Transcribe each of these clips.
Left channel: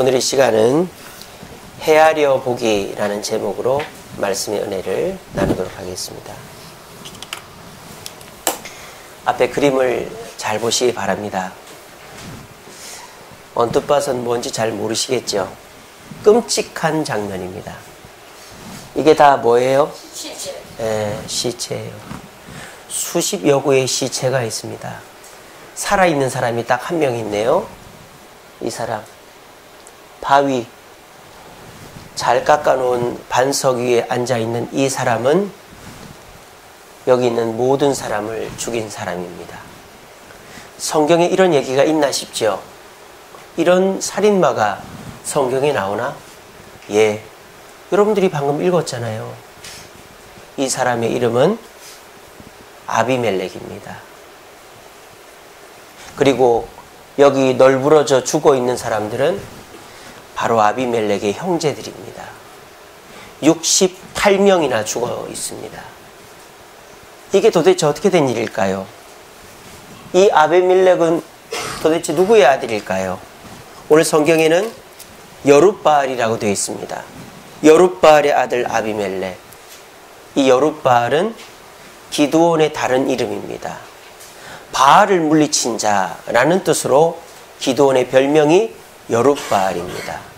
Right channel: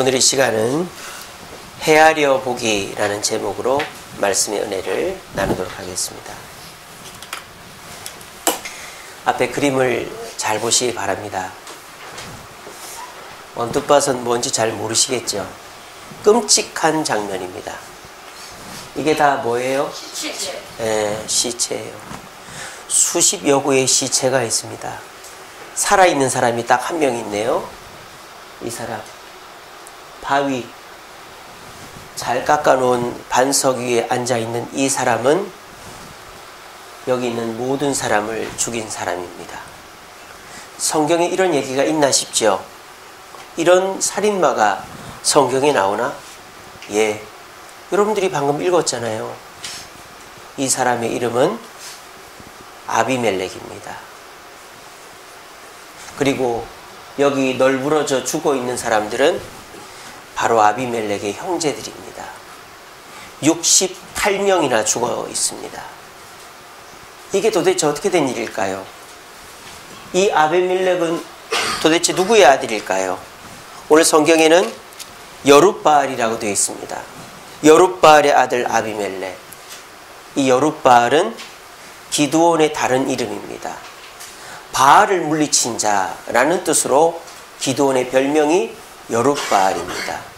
오늘 이 시간은 헤아려 보기라는 제목으로 말씀의 은혜를 나누도록 하겠습니다. 앞에 그림을 잘 보시기 바랍니다. 언뜻 봐선 뭔지 잘 모르시겠죠? 끔찍한 장면입니다. 이게 다 뭐예요? 시체. 네, 시체예요. 수십여 구의 시체가 있습니다. 살아있는 사람이 딱 한 명 있네요. 이 사람. 바위, 잘 깎아놓은 반석 위에 앉아있는 이 사람은 여기 있는 모든 사람을 죽인 사람입니다. 성경에 이런 얘기가 있나 싶죠? 이런 살인마가 성경에 나오나? 예. 여러분들이 방금 읽었잖아요. 이 사람의 이름은 아비멜렉입니다. 그리고 여기 널브러져 죽어 있는 사람들은 바로 아비멜렉의 형제들입니다. 68명이나 죽어 있습니다. 이게 도대체 어떻게 된 일일까요? 이 아비멜렉은 도대체 누구의 아들일까요? 오늘 성경에는 여룻바알이라고 되어 있습니다. 여룻바알의 아들 아비멜렉. 이 여룻바알은 기드온의 다른 이름입니다. 바알을 물리친 자라는 뜻으로 기드온의 별명이 여룻바알입니다.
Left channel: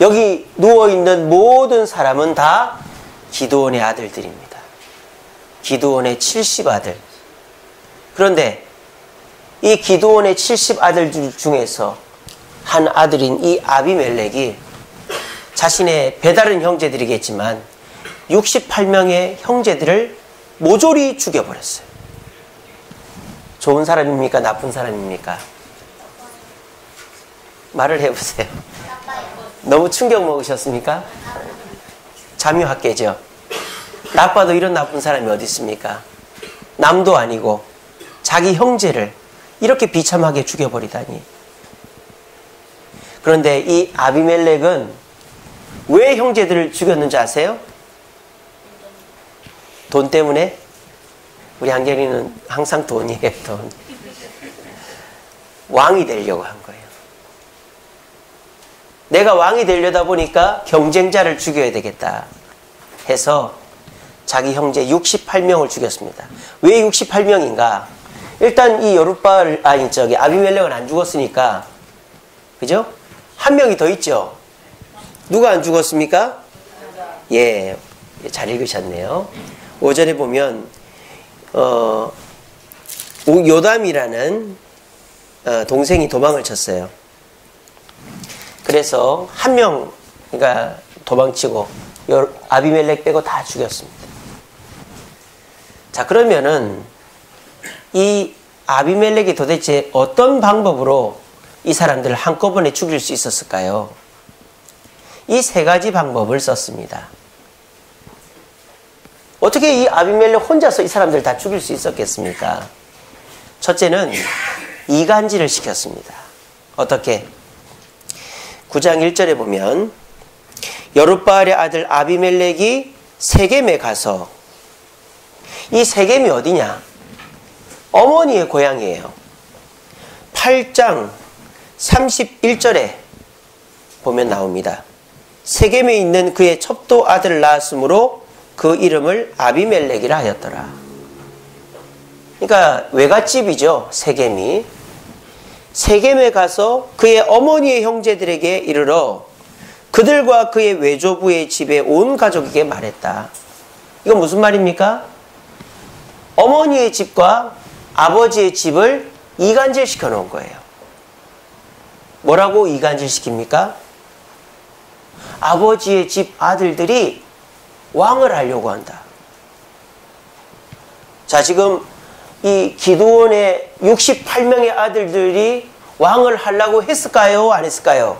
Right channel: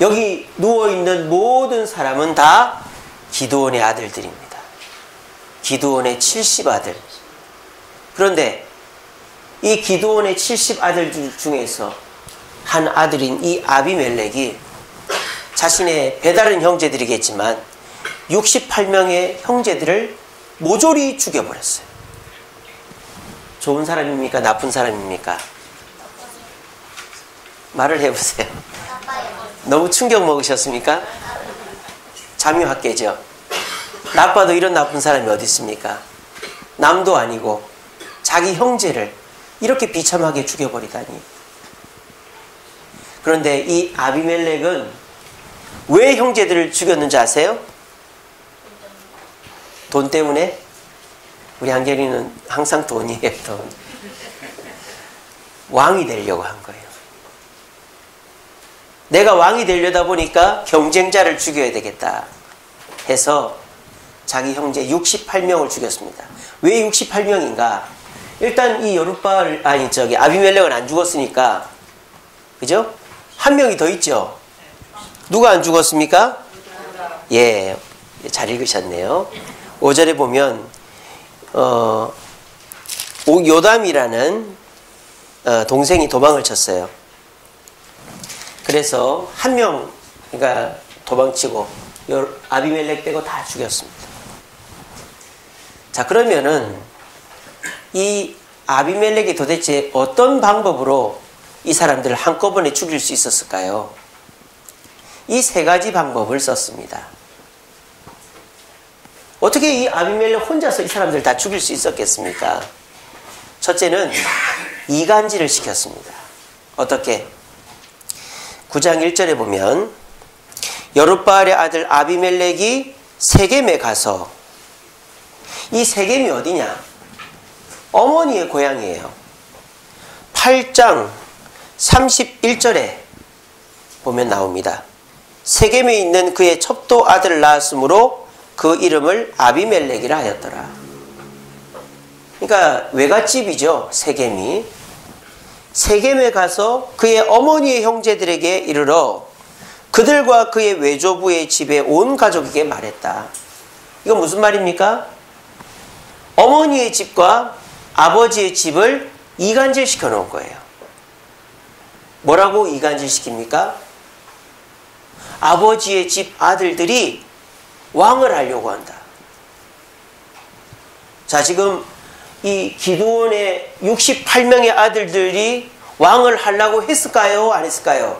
여기 누워있는 모든 사람은 다 기드온의 아들들입니다. 기드온의 70아들. 그런데 이 기드온의 70아들 중에서 한 아들인 이 아비멜렉이 자신의 배다른 형제들이겠지만 68명의 형제들을 모조리 죽여버렸어요. 좋은 사람입니까? 나쁜 사람입니까? 말을 해보세요. 너무 충격 먹으셨습니까? 자묘학계죠. 나빠도 이런 나쁜 사람이 어디 있습니까? 남도 아니고 자기 형제를 이렇게 비참하게 죽여버리다니. 그런데 이 아비멜렉은 왜 형제들을 죽였는지 아세요? 돈 때문에? 우리 한결이는 항상 돈이에요, 돈. 왕이 되려고 한 거예요. 내가 왕이 되려다 보니까 경쟁자를 죽여야 되겠다 해서 자기 형제 68명을 죽였습니다. 왜 68명인가? 일단 이 아비멜렉은 안 죽었으니까, 그죠? 한 명이 더 있죠? 누가 안 죽었습니까? 예, 잘 읽으셨네요. 5절에 보면 요담이라는 동생이 도망을 쳤어요. 그래서 한 명, 그러니까 도망치고 아비멜렉 빼고 다 죽였습니다. 자, 그러면은 이 아비멜렉이 도대체 어떤 방법으로 이 사람들을 한꺼번에 죽일 수 있었을까요? 이 세 가지 방법을 썼습니다. 어떻게 이 아비멜렉 혼자서 이 사람들을 다 죽일 수 있었겠습니까? 첫째는 이간질을 시켰습니다. 어떻게? 9장 1절에 보면 여룻바알의 아들 아비멜렉이 세겜에 가서, 이 세겜이 어디냐? 어머니의 고향이에요. 8장 31절에 보면 나옵니다. 세겜에 있는 그의 첩도 아들을 낳았으므로 그 이름을 아비멜렉이라 하였더라. 그러니까 외갓집이죠, 세겜이. 세겜에 가서 그의 어머니의 형제들에게 이르러 그들과 그의 외조부의 집에 온 가족에게 말했다. 이건 무슨 말입니까? 어머니의 집과 아버지의 집을 이간질 시켜 놓은 거예요. 뭐라고 이간질 시킵니까? 아버지의 집 아들들이 왕을 하려고 한다. 자, 지금 이 기드온의 68명의 아들들이 왕을 하려고 했을까요? 안 했을까요?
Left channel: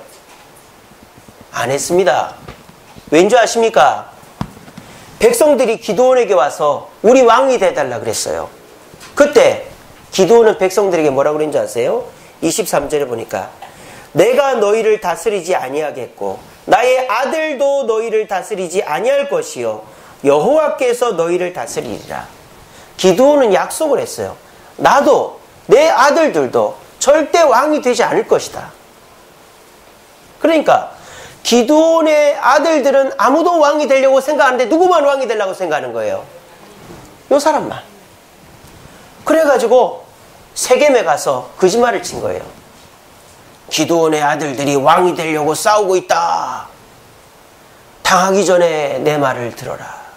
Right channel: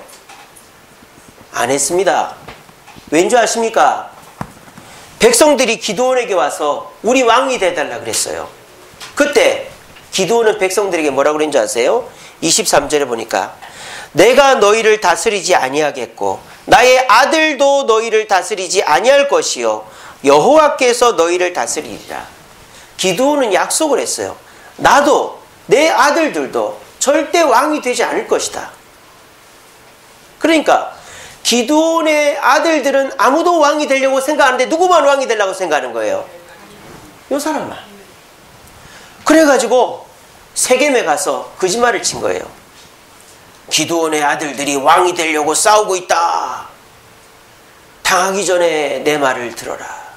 안 했습니다. 왠지 아십니까? 백성들이 기드온에게 와서 우리 왕이 되달라 그랬어요. 그때 기드온은 백성들에게 뭐라고 그랬는지 아세요? 23절에 보니까 내가 너희를 다스리지 아니하겠고 나의 아들도 너희를 다스리지 아니할 것이요 여호와께서 너희를 다스리리라. 기드온은 약속을 했어요. 나도 내 아들들도 절대 왕이 되지 않을 것이다. 그러니까 기드온의 아들들은 아무도 왕이 되려고 생각하는데 누구만 왕이 되려고 생각하는 거예요? 요 사람만. 그래가지고 세겜에 가서 거짓말을 친 거예요. 기드온의 아들들이 왕이 되려고 싸우고 있다. 당하기 전에 내 말을 들어라.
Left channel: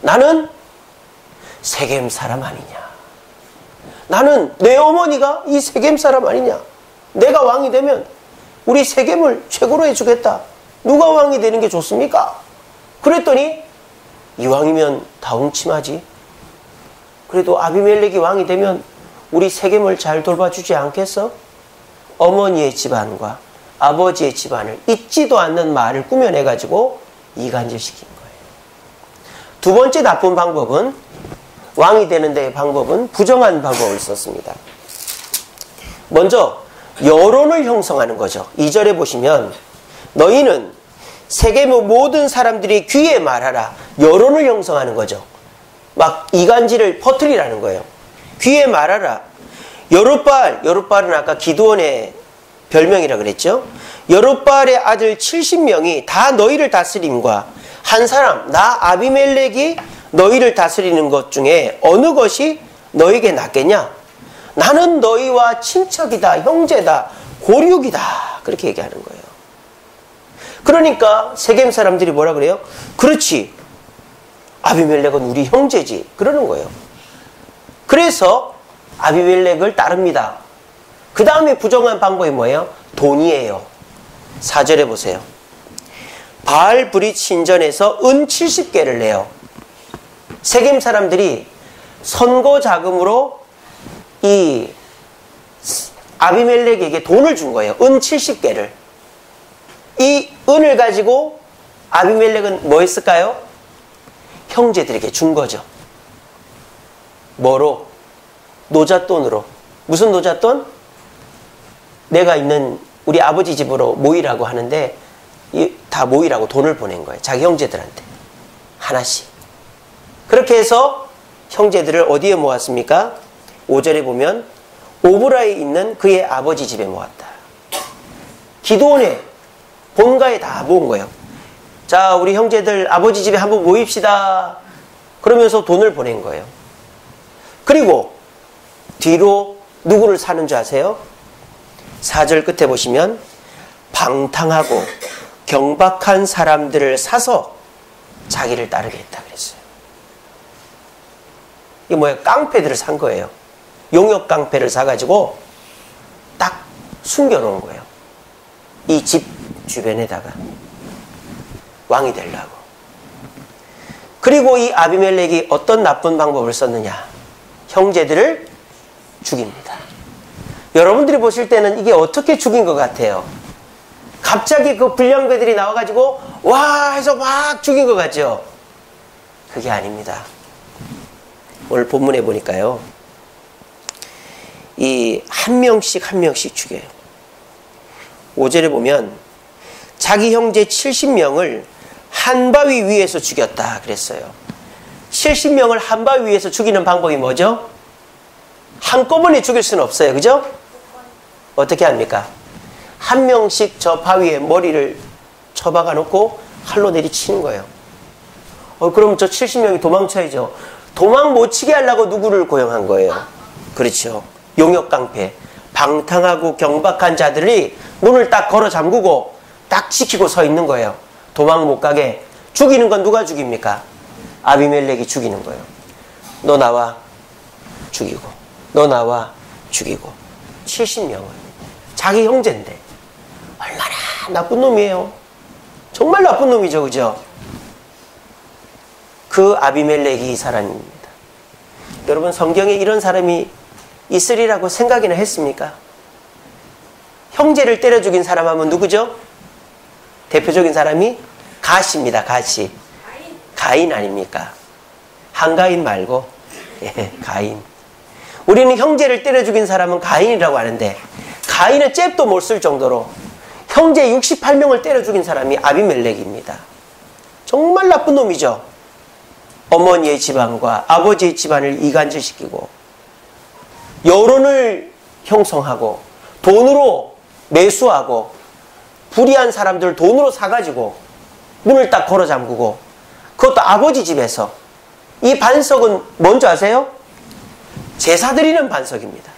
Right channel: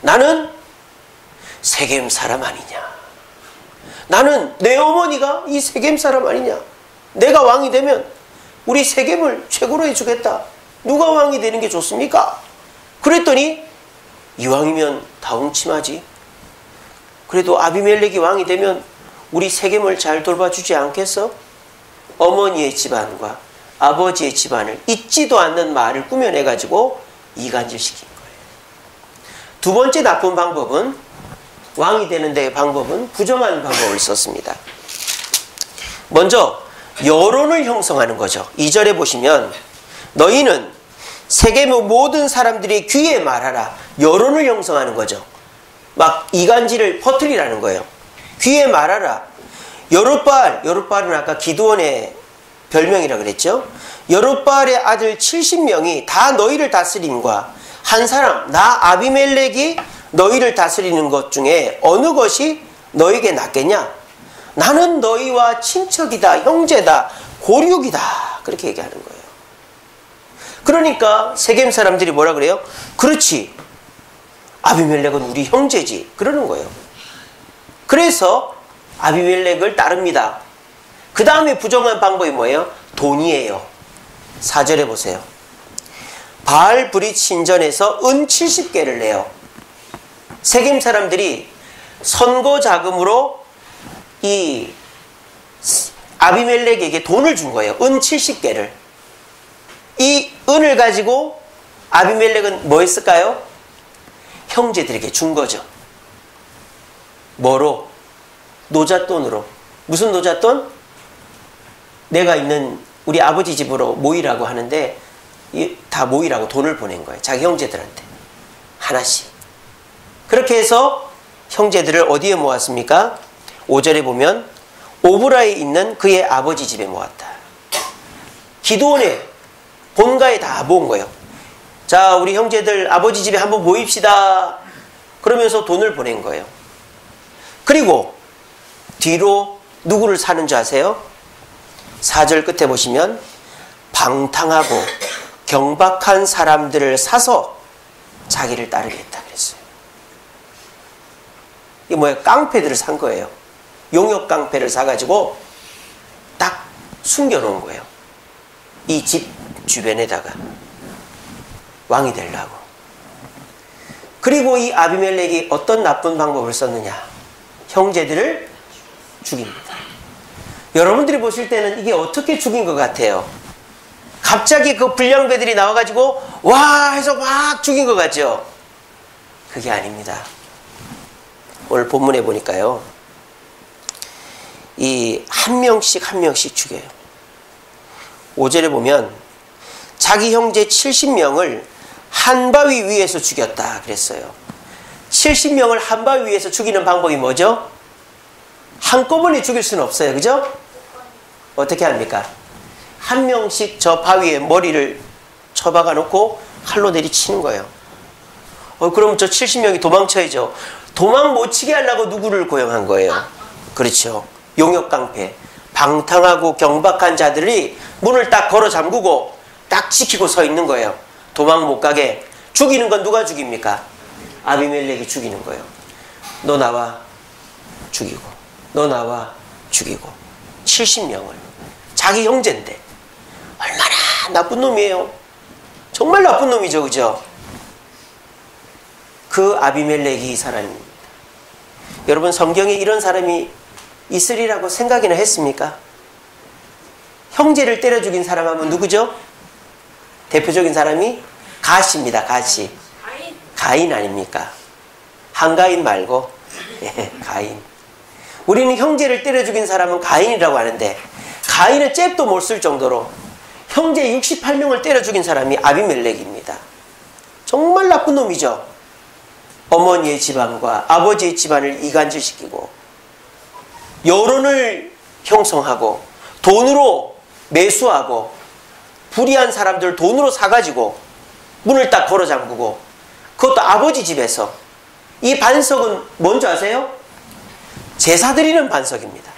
나는 세겜 사람 아니냐. 나는 내 어머니가 이 세겜 사람 아니냐. 내가 왕이 되면 우리 세겜을 최고로 해주겠다. 누가 왕이 되는 게 좋습니까? 그랬더니 이왕이면 다 옹침하지. 그래도 아비멜렉이 왕이 되면 우리 세겜을 잘 돌봐주지 않겠어? 어머니의 집안과 아버지의 집안을 잊지도 않는 말을 꾸며내가지고 이간질시킨 거예요. 두 번째 나쁜 방법은, 왕이 되는 데의 방법은 부정한 방법을 썼습니다. 먼저 여론을 형성하는 거죠. 2절에 보시면 너희는 세겜의 모든 사람들이 귀에 말하라. 여론을 형성하는 거죠. 막 이간질을 퍼뜨리라는 거예요. 귀에 말하라. 여룻바알은 아까 기드온의 별명이라 그랬죠. 여룻바알의 아들 70명이 다 너희를 다스림과 한 사람 나 아비멜렉이 너희를 다스리는 것 중에 어느 것이 너에게 낫겠냐? 나는 너희와 친척이다, 형제다, 고륙이다. 그렇게 얘기하는 거예요. 그러니까 세겜 사람들이 뭐라 그래요? 그렇지, 아비멜렉은 우리 형제지. 그러는 거예요. 그래서 아비멜렉을 따릅니다. 그 다음에 부정한 방법이 뭐예요? 돈이에요. 4절에 보세요. 바알 브릿 신전에서 은 70개를 내요. 세겜 사람들이 선거 자금으로 이 아비멜렉에게 돈을 준 거예요. 은 70개를. 이 은을 가지고 아비멜렉은 뭐 했을까요? 형제들에게 준 거죠. 뭐로? 노잣돈으로. 무슨 노잣돈? 내가 있는 우리 아버지 집으로 모이라고 하는데 다 모이라고 돈을 보낸 거예요. 자기 형제들한테 하나씩. 그렇게 해서 형제들을 어디에 모았습니까? 5절에 보면 오브라에 있는 그의 아버지 집에 모았다. 기드온의 본가에 다 모은 거예요. 자, 우리 형제들 아버지 집에 한번 모입시다. 그러면서 돈을 보낸 거예요. 그리고 뒤로 누구를 사는 줄 아세요? 4절 끝에 보시면 방탕하고 경박한 사람들을 사서 자기를 따르게 했다 그랬어요. 이게 뭐예요? 깡패들을 산 거예요. 용역 깡패를 사가지고 딱 숨겨놓은 거예요. 이 집 주변에다가 왕이 되려고. 그리고 이 아비멜렉이 어떤 나쁜 방법을 썼느냐? 형제들을 죽입니다. 여러분들이 보실 때는 이게 어떻게 죽인 것 같아요? 갑자기 그 불량배들이 나와가지고 와 해서 막 죽인 것 같죠? 그게 아닙니다. 오늘 본문에 보니까요, 이 한 명씩 죽여요. 5절에 보면 자기 형제 70명을 한 바위 위에서 죽였다 그랬어요. 70명을 한 바위 위에서 죽이는 방법이 뭐죠? 한꺼번에 죽일 수는 없어요. 그죠? 어떻게 합니까? 한 명씩 저 바위에 머리를 쳐박아 놓고 칼로 내리치는 거예요. 그럼 저 70명이 도망쳐야죠. 도망 못 치게 하려고 누구를 고용한 거예요? 그렇죠. 용역 깡패. 방탕하고 경박한 자들이 문을 딱 걸어 잠그고 딱 지키고 서 있는 거예요. 도망 못 가게. 죽이는 건 누가 죽입니까? 아비멜렉이 죽이는 거예요. 너 나와 죽이고, 너 나와 죽이고. 70명을. 자기 형제인데 얼마나 나쁜 놈이에요. 정말 나쁜 놈이죠. 그죠? 그 아비멜렉이 이 사람입니다. 여러분, 성경에 이런 사람이 있으리라고 생각이나 했습니까? 형제를 때려 죽인 사람 하면 누구죠? 대표적인 사람이 가시입니다. 가시. 가인 아닙니까? 한가인 말고 가인. 우리는 형제를 때려 죽인 사람은 가인이라고 하는데, 가인은 잽도 못 쓸 정도로 형제 68명을 때려 죽인 사람이 아비멜렉입니다. 정말 나쁜 놈이죠. 어머니의 집안과 아버지의 집안을 이간질시키고 여론을 형성하고 돈으로 매수하고 불의한 사람들 돈으로 사가지고 문을 딱 걸어 잠그고, 그것도 아버지 집에서. 이 반석은 뭔지 아세요? 제사 드리는 반석입니다.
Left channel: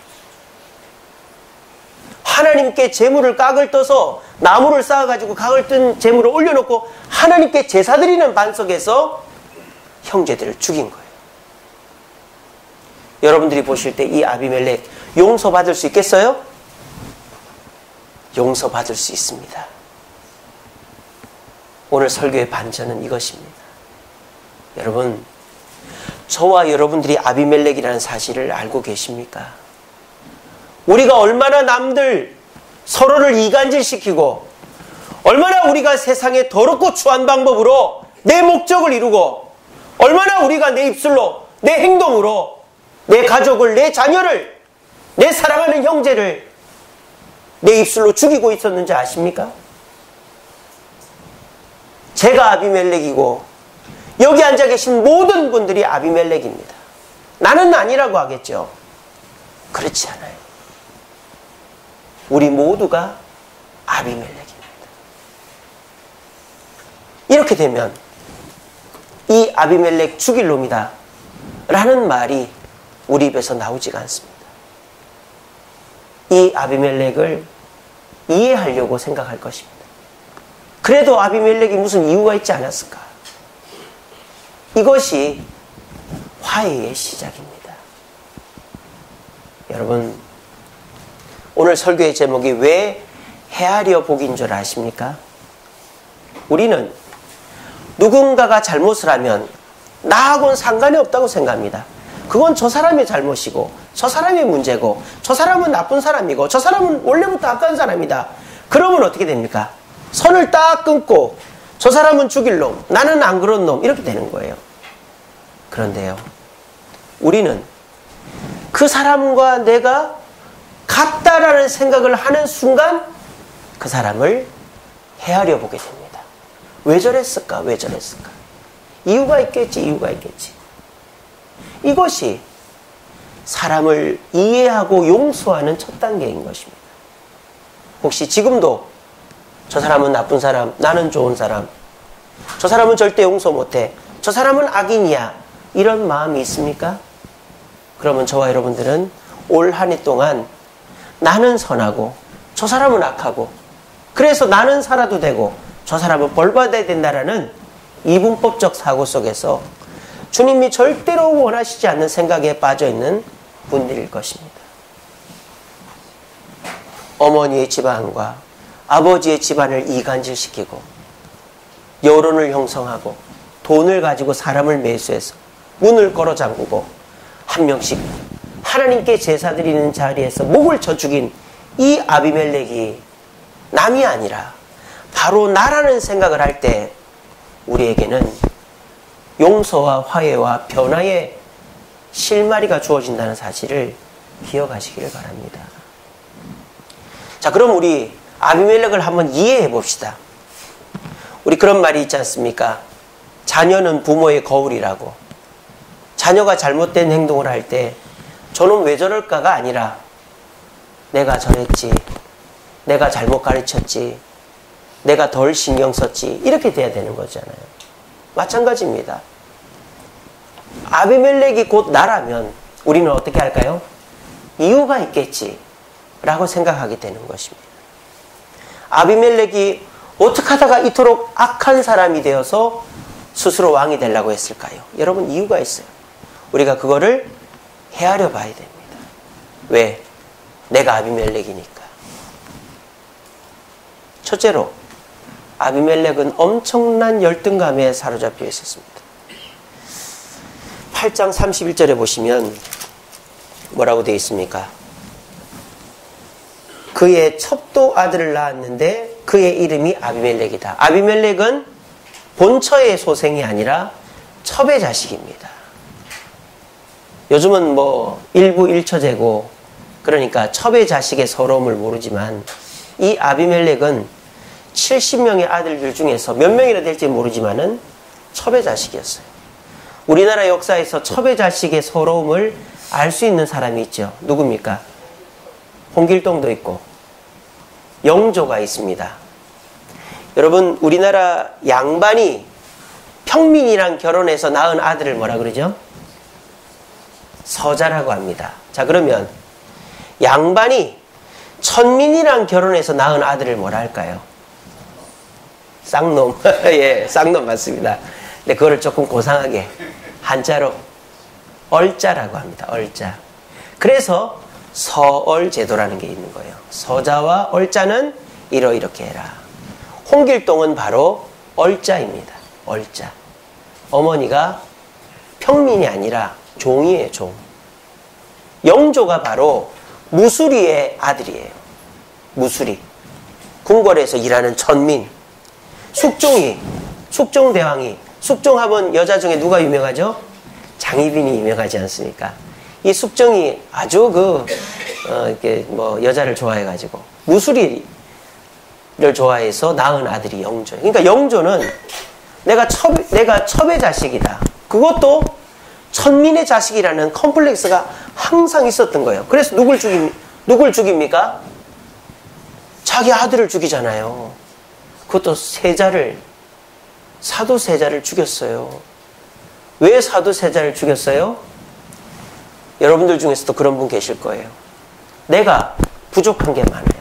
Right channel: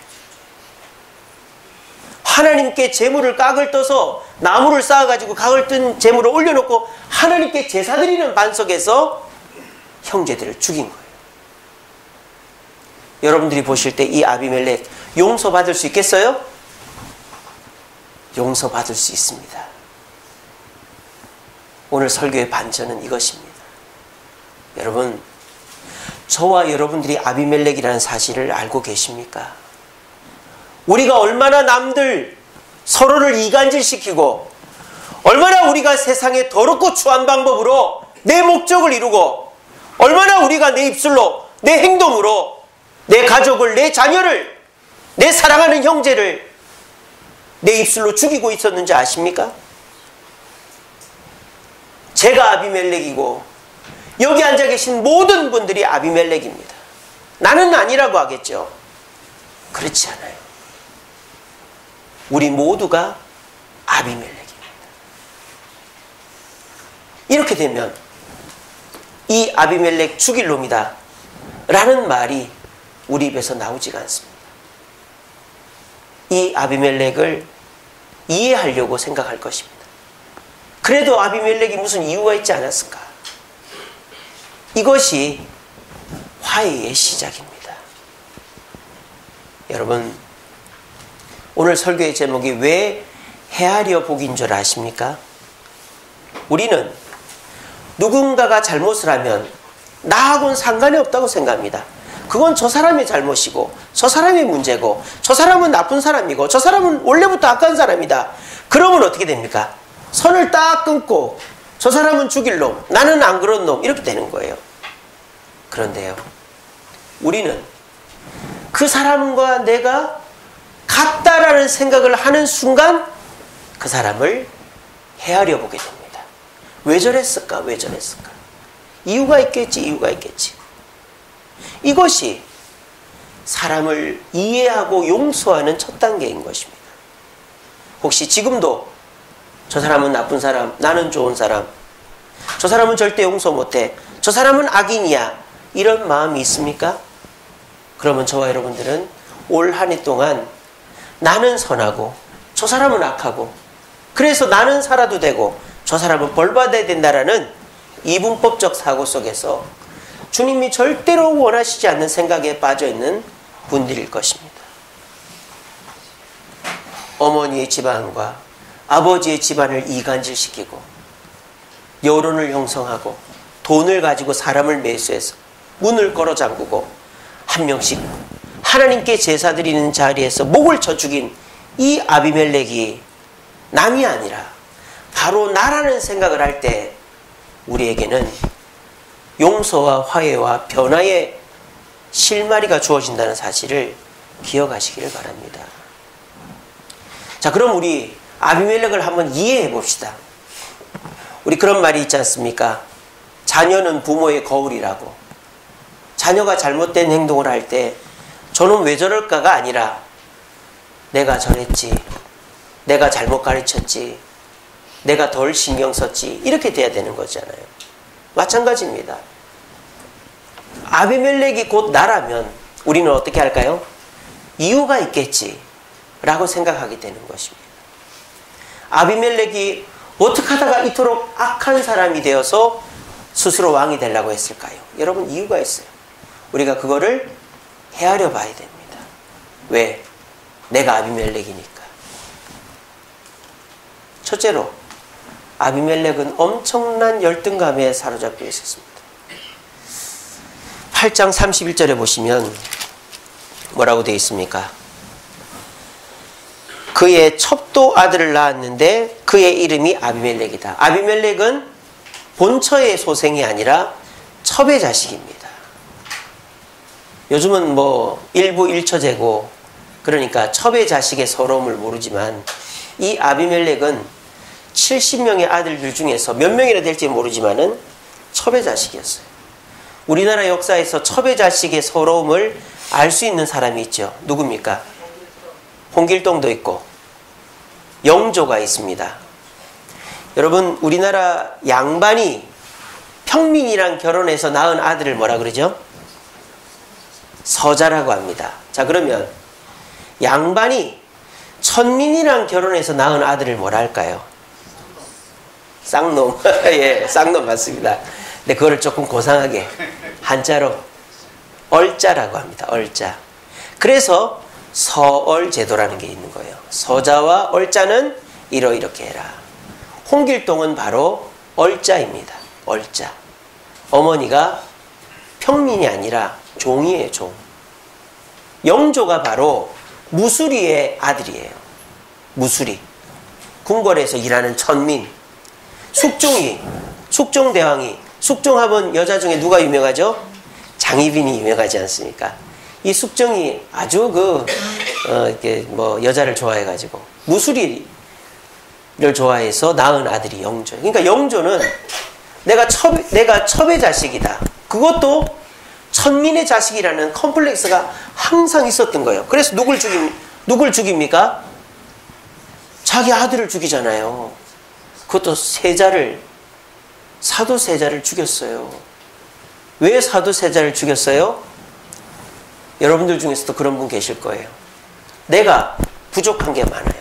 하나님께 제물을 각을 떠서 나무를 쌓아가지고 각을 뜬 제물을 올려놓고 하나님께 제사 드리는 반석에서 형제들을 죽인 거예요. 여러분들이 보실 때 이 아비멜렉 용서받을 수 있겠어요? 용서받을 수 있습니다. 오늘 설교의 반전은 이것입니다. 여러분, 저와 여러분들이 아비멜렉이라는 사실을 알고 계십니까? 우리가 얼마나 남들 서로를 이간질시키고, 얼마나 우리가 세상에 더럽고 추한 방법으로 내 목적을 이루고, 얼마나 우리가 내 입술로, 내 행동으로 내 가족을, 내 자녀를, 내 사랑하는 형제를 내 입술로 죽이고 있었는지 아십니까? 제가 아비멜렉이고 여기 앉아 계신 모든 분들이 아비멜렉입니다. 나는 아니라고 하겠죠. 그렇지 않아요. 우리 모두가 아비멜렉입니다. 이렇게 되면 이 아비멜렉 죽일 놈이다 라는 말이 우리 입에서 나오지가 않습니다. 이 아비멜렉을 이해하려고 생각할 것입니다. 그래도 아비멜렉이 무슨 이유가 있지 않았을까? 이것이 화해의 시작입니다. 여러분, 오늘 설교의 제목이 왜 헤아려 보기인 줄 아십니까? 우리는 누군가가 잘못을 하면 나하고는 상관이 없다고 생각합니다. 그건 저 사람의 잘못이고, 저 사람의 문제고, 저 사람은 나쁜 사람이고, 저 사람은 원래부터 악한 사람이다. 그러면 어떻게 됩니까? 선을 딱 끊고 저 사람은 죽일 놈, 나는 안 그런 놈, 이렇게 되는 거예요. 그런데요, 우리는 그 사람과 내가 같다라는 생각을 하는 순간 그 사람을 헤아려 보게 됩니다. 왜 저랬을까? 왜 저랬을까? 이유가 있겠지, 이유가 있겠지. 이것이 사람을 이해하고 용서하는 첫 단계인 것입니다. 혹시 지금도 저 사람은 나쁜 사람, 나는 좋은 사람, 저 사람은 절대 용서 못해, 저 사람은 악인이야, 이런 마음이 있습니까? 그러면 저와 여러분들은 올 한 해 동안 나는 선하고 저 사람은 악하고, 그래서 나는 살아도 되고 저 사람은 벌 받아야 된다라는 이분법적 사고 속에서 주님이 절대로 원하시지 않는 생각에 빠져있는 분들일 것입니다. 어머니의 집안과 아버지의 집안을 이간질시키고 여론을 형성하고 돈을 가지고 사람을 매수해서 문을 걸어 잠그고 한 명씩 하나님께 제사 드리는 자리에서 목을 쳐 죽인 이 아비멜렉이 남이 아니라 바로 나라는 생각을 할 때 우리에게는 용서와 화해와 변화의 실마리가 주어진다는 사실을 기억하시기를 바랍니다. 자, 그럼 우리 아비멜렉을 한번 이해해 봅시다. 우리 그런 말이 있지 않습니까? 자녀는 부모의 거울이라고. 자녀가 잘못된 행동을 할 때 저는 왜 저럴까가 아니라 내가 저랬지, 내가 잘못 가르쳤지, 내가 덜 신경 썼지, 이렇게 돼야 되는 거잖아요. 마찬가지입니다. 아비멜렉이 곧 나라면 우리는 어떻게 할까요? 이유가 있겠지 라고 생각하게 되는 것입니다. 아비멜렉이 어떻게 하다가 이토록 악한 사람이 되어서 스스로 왕이 되려고 했을까요? 여러분, 이유가 있어요. 우리가 그거를 헤아려 봐야 됩니다. 왜? 내가 아비멜렉이니까. 첫째로, 아비멜렉은 엄청난 열등감에 사로잡혀 있었습니다. 8장 31절에 보시면 뭐라고 되어 있습니까? 그의 첩도 아들을 낳았는데 그의 이름이 아비멜렉이다. 아비멜렉은 본처의 소생이 아니라 첩의 자식입니다. 요즘은 뭐 일부 일처제고 그러니까 첩의 자식의 서러움을 모르지만 이 아비멜렉은 70명의 아들들 중에서 몇 명이나 될지 모르지만은 첩의 자식이었어요. 우리나라 역사에서 첩의 자식의 서러움을 알 수 있는 사람이 있죠. 누굽니까? 홍길동도 있고 영조가 있습니다. 여러분, 우리나라 양반이 평민이랑 결혼해서 낳은 아들을 뭐라 그러죠? 서자라고 합니다. 자, 그러면 양반이 천민이랑 결혼해서 낳은 아들을 뭐라 할까요? 쌍놈. 예, 쌍놈 맞습니다. 근데 그거를 조금 고상하게 한자로 얼자라고 합니다. 얼자. 그래서 서얼제도라는 게 있는 거예요. 서자와 얼자는 이렇게 해라. 홍길동은 바로 얼자입니다. 얼자. 어머니가 평민이 아니라 종이에요, 종. 영조가 바로 무수리의 아들이에요. 무수리. 궁궐에서 일하는 천민. 숙종이, 숙종대왕이, 숙종하면 여자 중에 누가 유명하죠? 장희빈이 유명하지 않습니까? 이 숙종이 아주 이렇게 여자를 좋아해가지고 무수리를 좋아해서 낳은 아들이 영조. 그러니까 영조는 내가 첩의 자식이다. 그것도 천민의 자식이라는 컴플렉스가 항상 있었던 거예요. 그래서 누굴 죽입니까? 자기 아들을 죽이잖아요. 그것도 사도세자를 죽였어요. 왜 사도세자를 죽였어요? 여러분들 중에서도 그런 분 계실 거예요. 내가 부족한 게 많아요.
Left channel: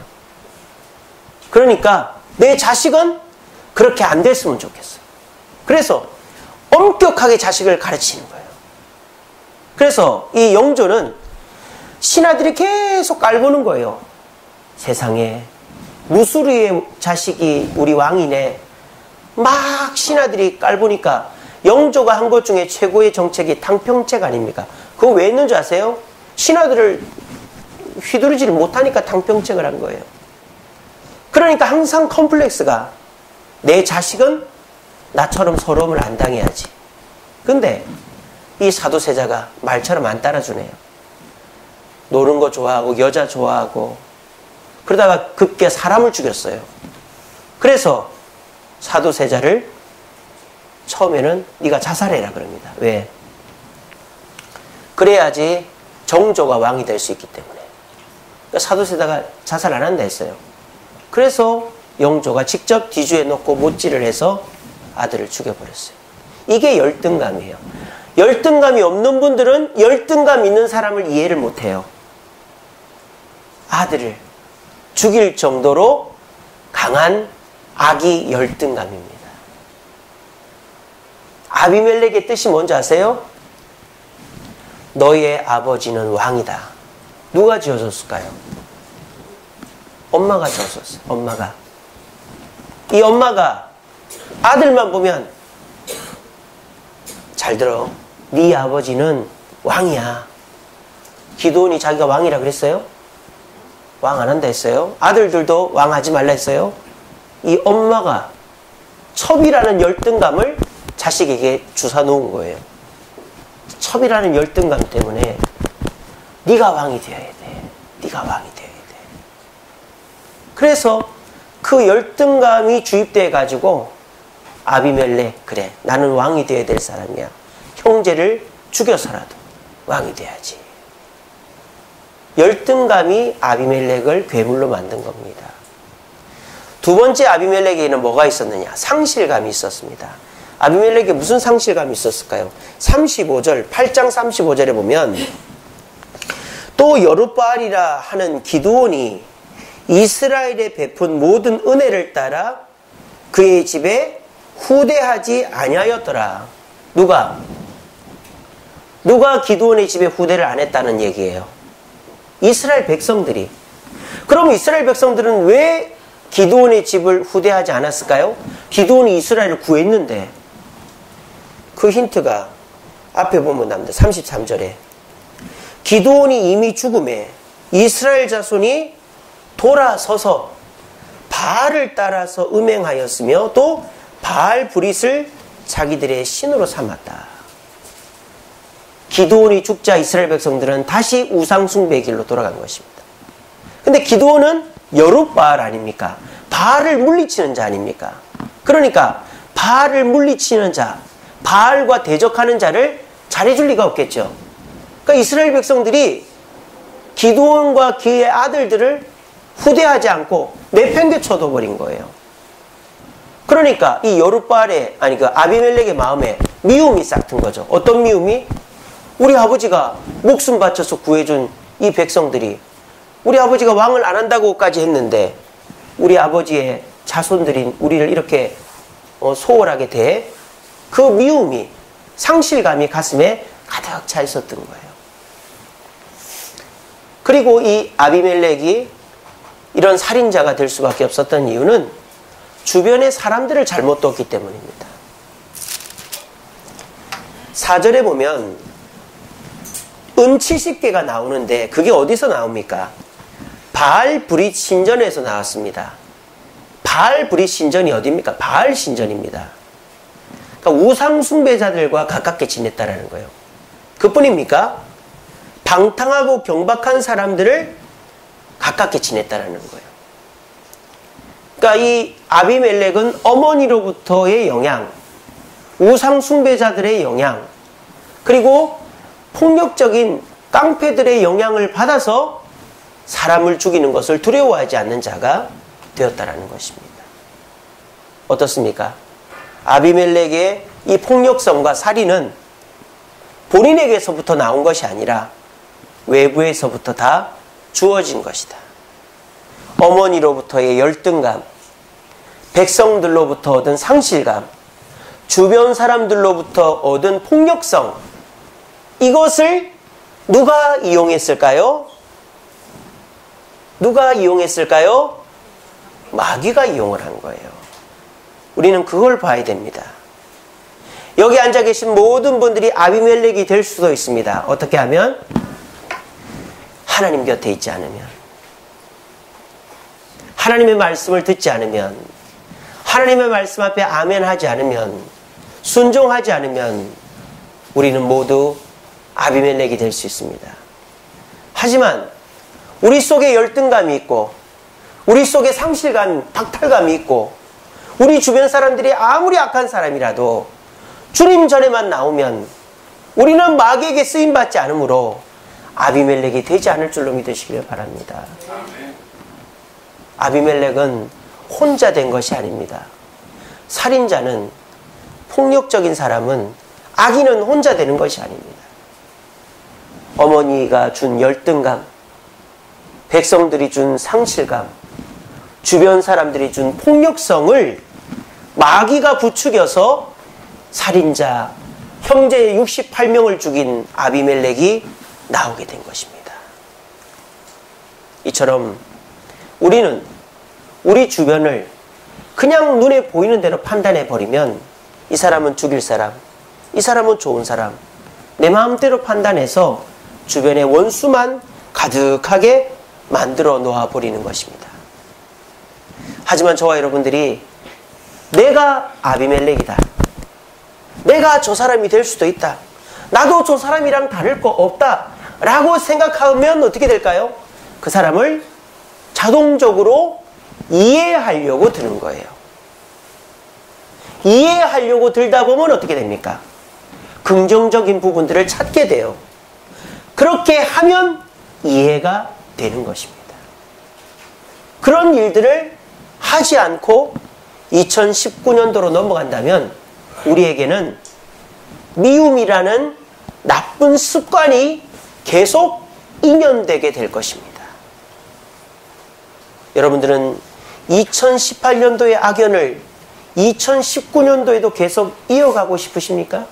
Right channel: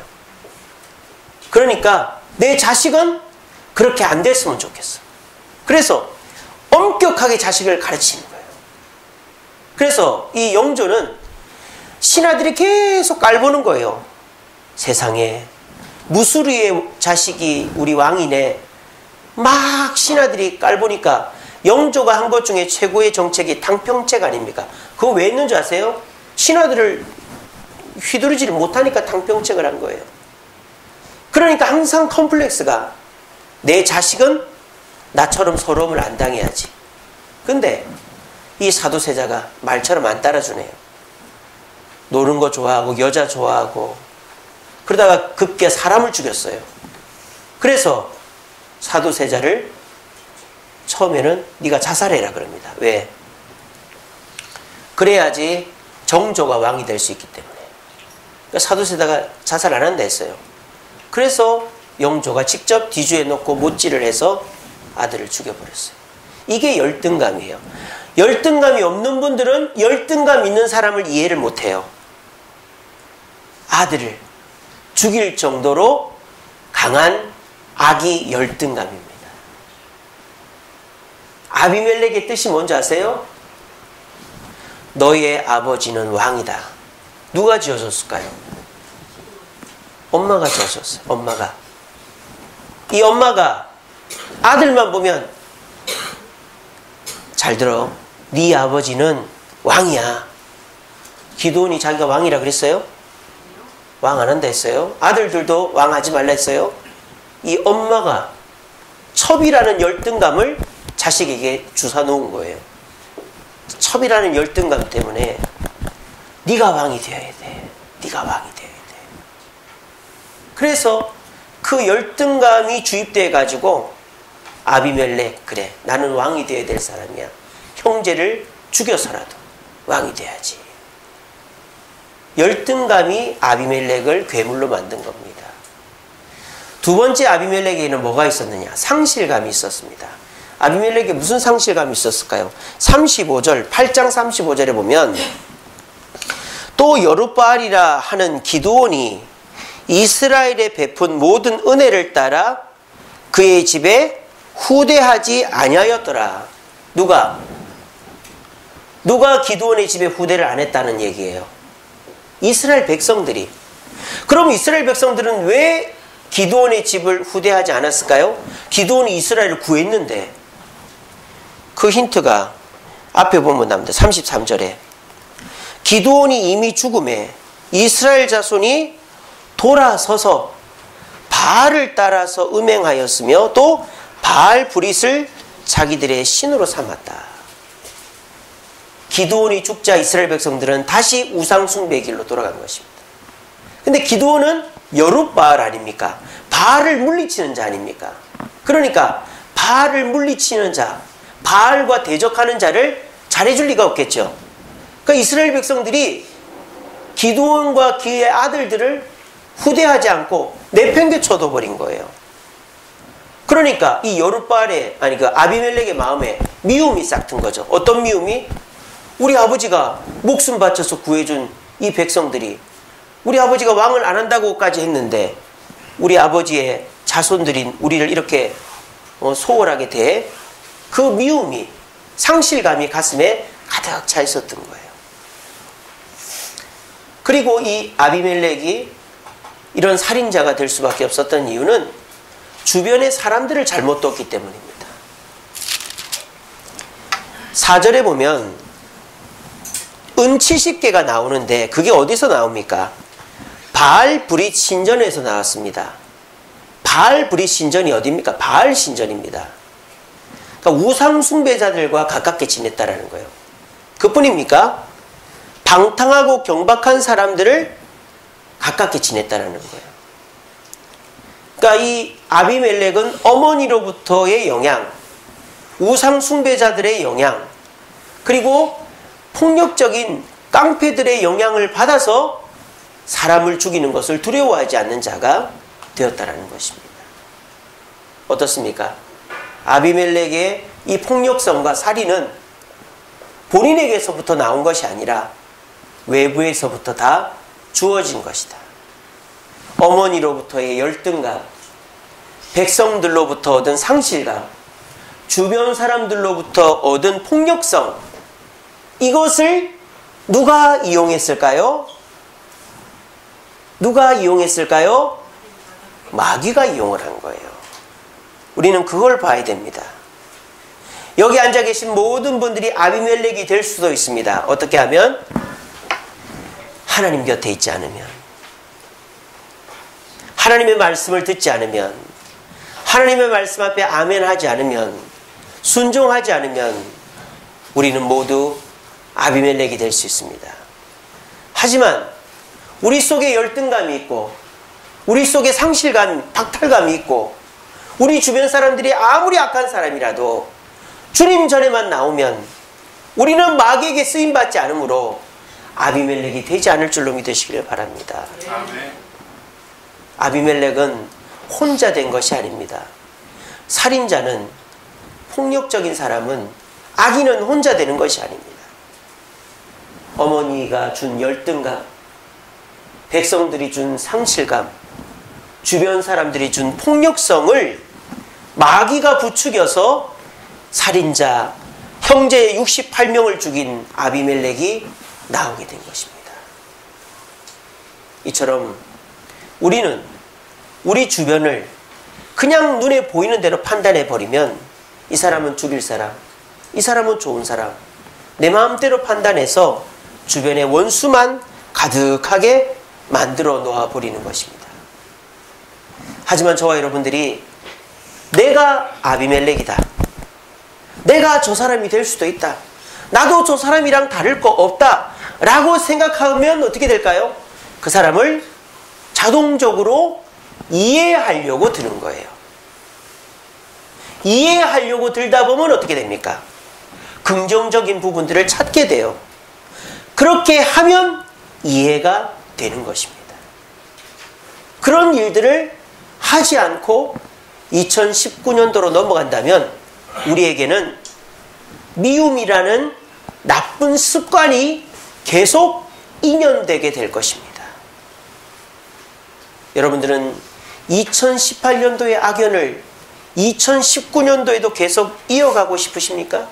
그러니까 내 자식은 그렇게 안 됐으면 좋겠어. 그래서 엄격하게 자식을 가르치는 거예요. 그래서 이 영조는 신하들이 계속 깔보는 거예요. 세상에 무수리의 자식이 우리 왕이네. 막 신하들이 깔보니까 영조가 한 것 중에 최고의 정책이 탕평책 아닙니까? 그거 왜 했는 줄 아세요? 신하들을 휘두르지를 못하니까 탕평책을 한 거예요. 그러니까 항상 컴플렉스가 내 자식은 나처럼 서러움을 안 당해야지. 근데 이 사도세자가 말처럼 안 따라주네요. 노는 거 좋아하고 여자 좋아하고 그러다가 급기야 사람을 죽였어요. 그래서 사도세자를 처음에는 네가 자살해라 그럽니다. 왜? 그래야지 정조가 왕이 될 수 있기 때문에. 그러니까 사도세자가 자살 안 한다 했어요. 그래서 영조가 직접 뒤주에 놓고 못질을 해서 아들을 죽여버렸어요. 이게 열등감이에요. 열등감이 없는 분들은 열등감 있는 사람을 이해를 못해요. 아들을 죽일 정도로 강한 악이 열등감입니다. 아비멜렉의 뜻이 뭔지 아세요? 너의 아버지는 왕이다. 누가 지어줬을까요? 엄마가 지어줬어요. 엄마가. 이 엄마가 아들만 보면 잘 들어. 네 아버지는 왕이야. 기드온이 자기가 왕이라 그랬어요? 왕 안 한다 했어요? 아들들도 왕 하지 말라 했어요? 이 엄마가 첩이라는 열등감을 자식에게 주사 놓은 거예요. 첩이라는 열등감 때문에 네가 왕이 되어야 돼. 네가 왕이 되어야 돼. 그래서 그 열등감이 주입돼 가지고 아비멜렉, 그래 나는 왕이 되어야 될 사람이야. 형제를 죽여서라도 왕이 돼야지. 열등감이 아비멜렉을 괴물로 만든 겁니다. 두 번째 아비멜렉에게는 뭐가 있었느냐? 상실감이 있었습니다. 아비멜렉에 무슨 상실감이 있었을까요? 8장 35절에 보면 또 여룻바알이라 하는 기드온이 이스라엘에 베푼 모든 은혜를 따라 그의 집에 후대하지 아니하였더라. 누가 기드온의 집에 후대를 안 했다는 얘기예요? 이스라엘 백성들이. 그럼 이스라엘 백성들은 왜 기드온의 집을 후대하지 않았을까요? 기드온이 이스라엘을 구했는데. 그 힌트가 앞에 보면 나옵니다. 33절에 기드온이 이미 죽음에 이스라엘 자손이 돌아서서 바알을 따라서 음행하였으며 또 바알 브릿을 자기들의 신으로 삼았다. 기드온이 죽자 이스라엘 백성들은 다시 우상 숭배의 길로 돌아간 것입니다. 근데 기드온은 여룻바알 아닙니까? 바알을 물리치는 자 아닙니까? 그러니까 바알을 물리치는 자, 바알과 대적하는 자를 잘해줄 리가 없겠죠. 그러니까 이스라엘 백성들이 기드온과 그의 아들들을 후대하지 않고 내팽개쳐둬 버린 거예요. 그러니까 이 여룻바알의 그 아비멜렉의 마음에 미움이 싹 든 거죠. 어떤 미움이? 우리 아버지가 목숨 바쳐서 구해준 이 백성들이 우리 아버지가 왕을 안 한다고까지 했는데 우리 아버지의 자손들인 우리를 이렇게 소홀하게 대 그 미움이 상실감이 가슴에 가득 차 있었던 거예요. 그리고 이 아비멜렉이 이런 살인자가 될 수밖에 없었던 이유는 주변의 사람들을 잘못 뒀기 때문입니다. 4절에 보면 은 70개가 나오는데 그게 어디서 나옵니까? 바알 브릿 신전에서 나왔습니다. 바알 브릿 신전이 어디입니까? 바알 신전입니다. 그러니까 우상 숭배자들과 가깝게 지냈다라는 거예요. 그뿐입니까? 방탕하고 경박한 사람들을 가깝게 지냈다라는 거예요. 그러니까 이 아비멜렉은 어머니로부터의 영향, 우상 숭배자들의 영향, 그리고 폭력적인 깡패들의 영향을 받아서 사람을 죽이는 것을 두려워하지 않는 자가 되었다라는 것입니다. 어떻습니까? 아비멜렉의 이 폭력성과 살인은 본인에게서부터 나온 것이 아니라 외부에서부터 다 주어진 것이다. 어머니로부터의 열등감, 백성들로부터 얻은 상실감, 주변 사람들로부터 얻은 폭력성, 이것을 누가 이용했을까요? 누가 이용했을까요? 마귀가 이용을 한 거예요. 우리는 그걸 봐야 됩니다. 여기 앉아 계신 모든 분들이 아비멜렉이 될 수도 있습니다. 어떻게 하면? 하나님 곁에 있지 않으면, 하나님의 말씀을 듣지 않으면, 하나님의 말씀 앞에 아멘 하지 않으면, 순종하지 않으면 우리는 모두 아비멜렉이 될 수 있습니다. 하지만 우리 속에 열등감이 있고 우리 속에 상실감, 박탈감이 있고 우리 주변 사람들이 아무리 악한 사람이라도 주님 전에만 나오면 우리는 마귀에게 쓰임받지 않으므로 아비멜렉이 되지 않을 줄로 믿으시기를 바랍니다. 아비멜렉은 혼자 된 것이 아닙니다. 살인자는, 폭력적인 사람은, 악인은 혼자 되는 것이 아닙니다. 어머니가 준 열등감, 백성들이 준 상실감, 주변 사람들이 준 폭력성을 마귀가 부추겨서 살인자, 형제 68명을 죽인 아비멜렉이 나오게 된 것입니다. 이처럼 우리는 우리 주변을 그냥 눈에 보이는 대로 판단해 버리면 이 사람은 죽일 사람, 이 사람은 좋은 사람, 내 마음대로 판단해서 주변에 원수만 가득하게 만들어 놓아 버리는 것입니다. 하지만 저와 여러분들이 내가 아비멜렉이다, 내가 저 사람이 될 수도 있다, 나도 저 사람이랑 다를 거 없다 라고 생각하면 어떻게 될까요? 그 사람을 자동적으로 이해하려고 드는 거예요. 이해하려고 들다 보면 어떻게 됩니까? 긍정적인 부분들을 찾게 돼요. 그렇게 하면 이해가 되는 것입니다. 그런 일들을 하지 않고 2019년도로 넘어간다면 우리에게는 미움이라는 나쁜 습관이 계속 인연되게 될 것입니다. 여러분들은 2018년도의 악연을 2019년도에도 계속 이어가고 싶으십니까?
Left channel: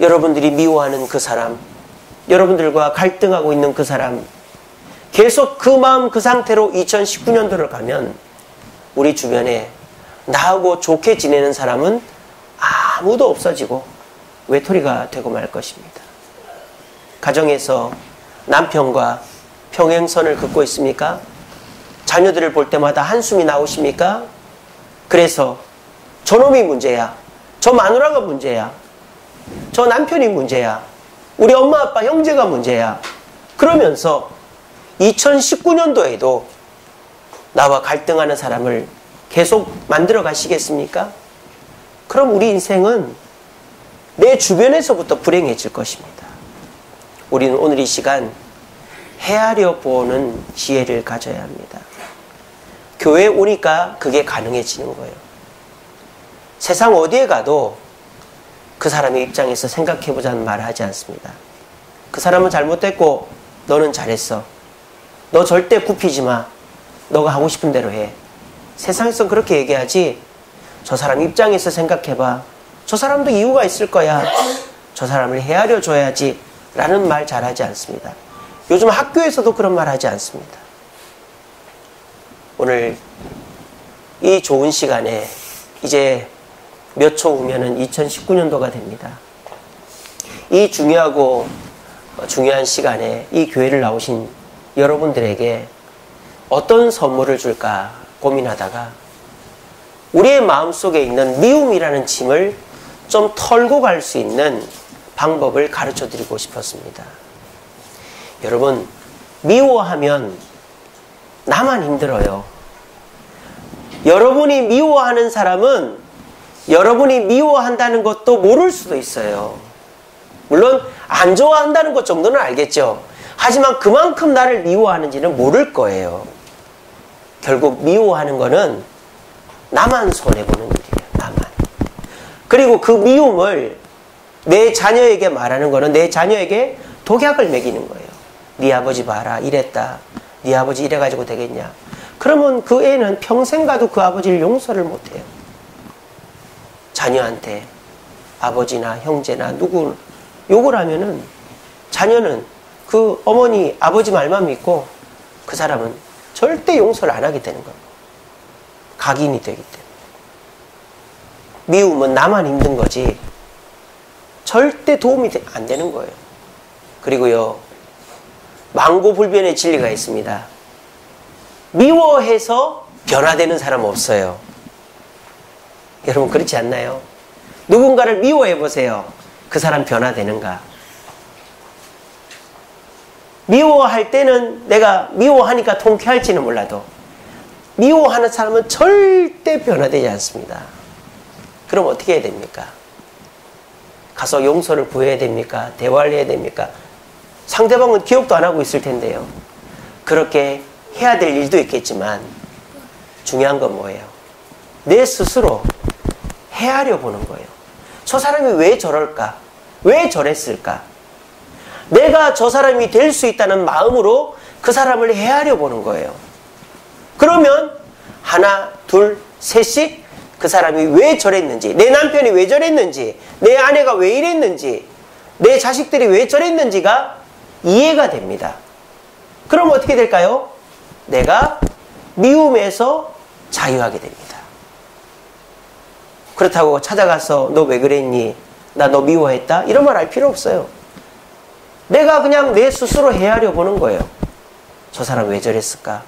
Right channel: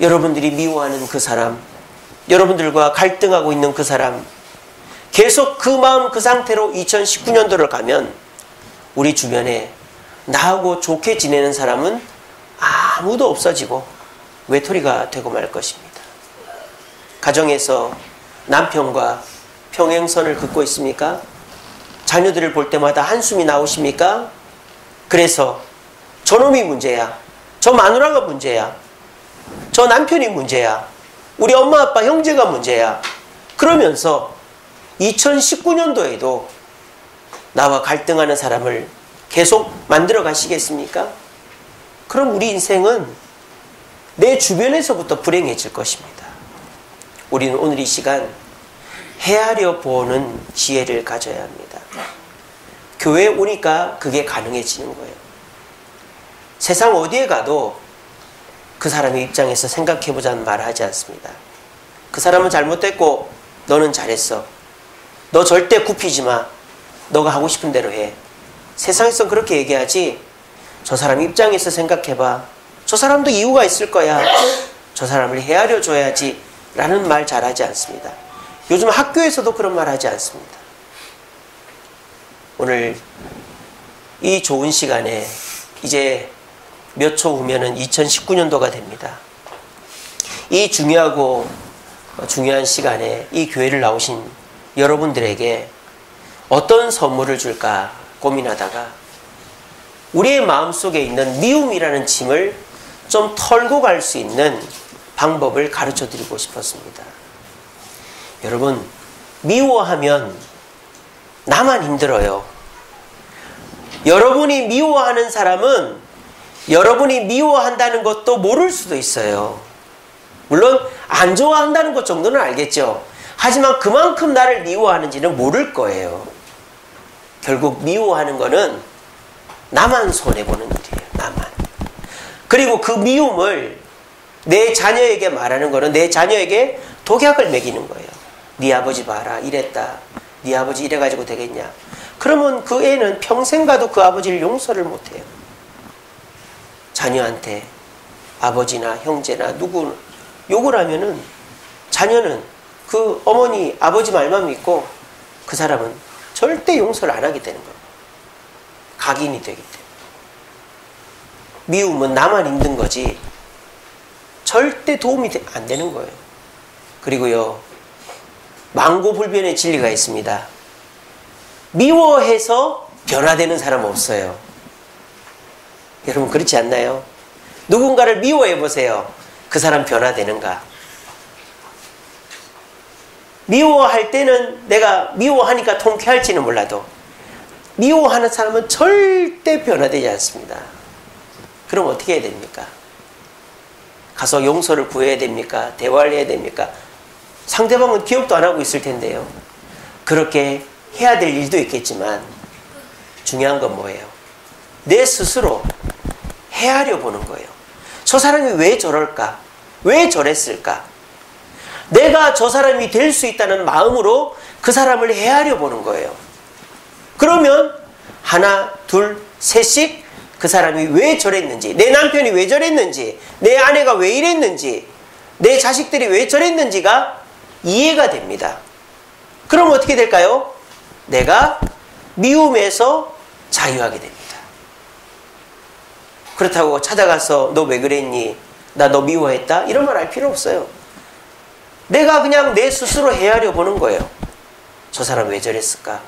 여러분들이 미워하는 그 사람, 여러분들과 갈등하고 있는 그 사람, 계속 그 마음 그 상태로 2019년도를 가면 우리 주변에 나하고 좋게 지내는 사람은 아무도 없어지고 외톨이가 되고 말 것입니다. 가정에서 남편과 평행선을 긋고 있습니까? 자녀들을 볼 때마다 한숨이 나오십니까? 그래서 저놈이 문제야, 저 마누라가 문제야, 저 남편이 문제야, 우리 엄마 아빠 형제가 문제야, 그러면서 2019년도에도 나와 갈등하는 사람을 계속 만들어 가시겠습니까? 그럼 우리 인생은 내 주변에서부터 불행해질 것입니다. 우리는 오늘 이 시간 헤아려 보는 지혜를 가져야 합니다. 교회에 오니까 그게 가능해지는 거예요. 세상 어디에 가도 그 사람의 입장에서 생각해보자는 말을 하지 않습니다. 그 사람은 잘못됐고 너는 잘했어. 너 절대 굽히지 마. 너가 하고 싶은 대로 해. 세상에선 그렇게 얘기하지, 저 사람 입장에서 생각해봐. 저 사람도 이유가 있을 거야. 저 사람을 헤아려 줘야지 라는 말 잘하지 않습니다. 요즘 학교에서도 그런 말 하지 않습니다. 오늘 이 좋은 시간에 이제 몇 초 후면은 2019년도가 됩니다. 이 중요하고 중요한 시간에 이 교회를 나오신 여러분들에게 어떤 선물을 줄까 고민하다가 우리의 마음속에 있는 미움이라는 짐을 좀 털고 갈 수 있는 방법을 가르쳐 드리고 싶었습니다. 여러분, 미워하면 나만 힘들어요. 여러분이 미워하는 사람은 여러분이 미워한다는 것도 모를 수도 있어요. 물론 안 좋아한다는 것 정도는 알겠죠. 하지만 그만큼 나를 미워하는지는 모를 거예요. 결국 미워하는 거는 나만 손해보는 일이에요. 나만. 그리고 그 미움을 내 자녀에게 말하는 거는 내 자녀에게 독약을 먹이는 거예요. 네 아버지 봐라, 이랬다. 네 아버지 이래가지고 되겠냐. 그러면 그 애는 평생 가도 그 아버지를 용서를 못해요. 자녀한테 아버지나 형제나 누구 욕을 하면은 자녀는 그 어머니, 아버지 말만 믿고 그 사람은 절대 용서를 안 하게 되는 겁니다. 각인이 되기 때문에. 미움은 나만 힘든 거지 절대 도움이 안 되는 거예요. 그리고요, 망고불변의 진리가 있습니다. 미워해서 변화되는 사람 없어요. 여러분 그렇지 않나요? 누군가를 미워해 보세요. 그 사람 변화되는가? 미워할 때는 내가 미워하니까 통쾌할지는 몰라도 미워하는 사람은 절대 변화되지 않습니다. 그럼 어떻게 해야 됩니까? 가서 용서를 구해야 됩니까? 대화를 해야 됩니까? 상대방은 기억도 안 하고 있을 텐데요. 그렇게 해야 될 일도 있겠지만 중요한 건 뭐예요? 내 스스로 헤아려 보는 거예요. 저 사람이 왜 저럴까? 왜 저랬을까? 내가 저 사람이 될 수 있다는 마음으로 그 사람을 헤아려 보는 거예요. 그러면 하나, 둘, 셋씩 그 사람이 왜 저랬는지, 내 남편이 왜 저랬는지, 내 아내가 왜 이랬는지, 내 자식들이 왜 저랬는지가 이해가 됩니다. 그럼 어떻게 될까요? 내가 미움에서 자유하게 됩니다. 그렇다고 찾아가서 너 왜 그랬니? 나 너 미워했다? 이런 말 할 필요 없어요. 내가 그냥 내 스스로 헤아려 보는 거예요. 저 사람 왜 저랬을까?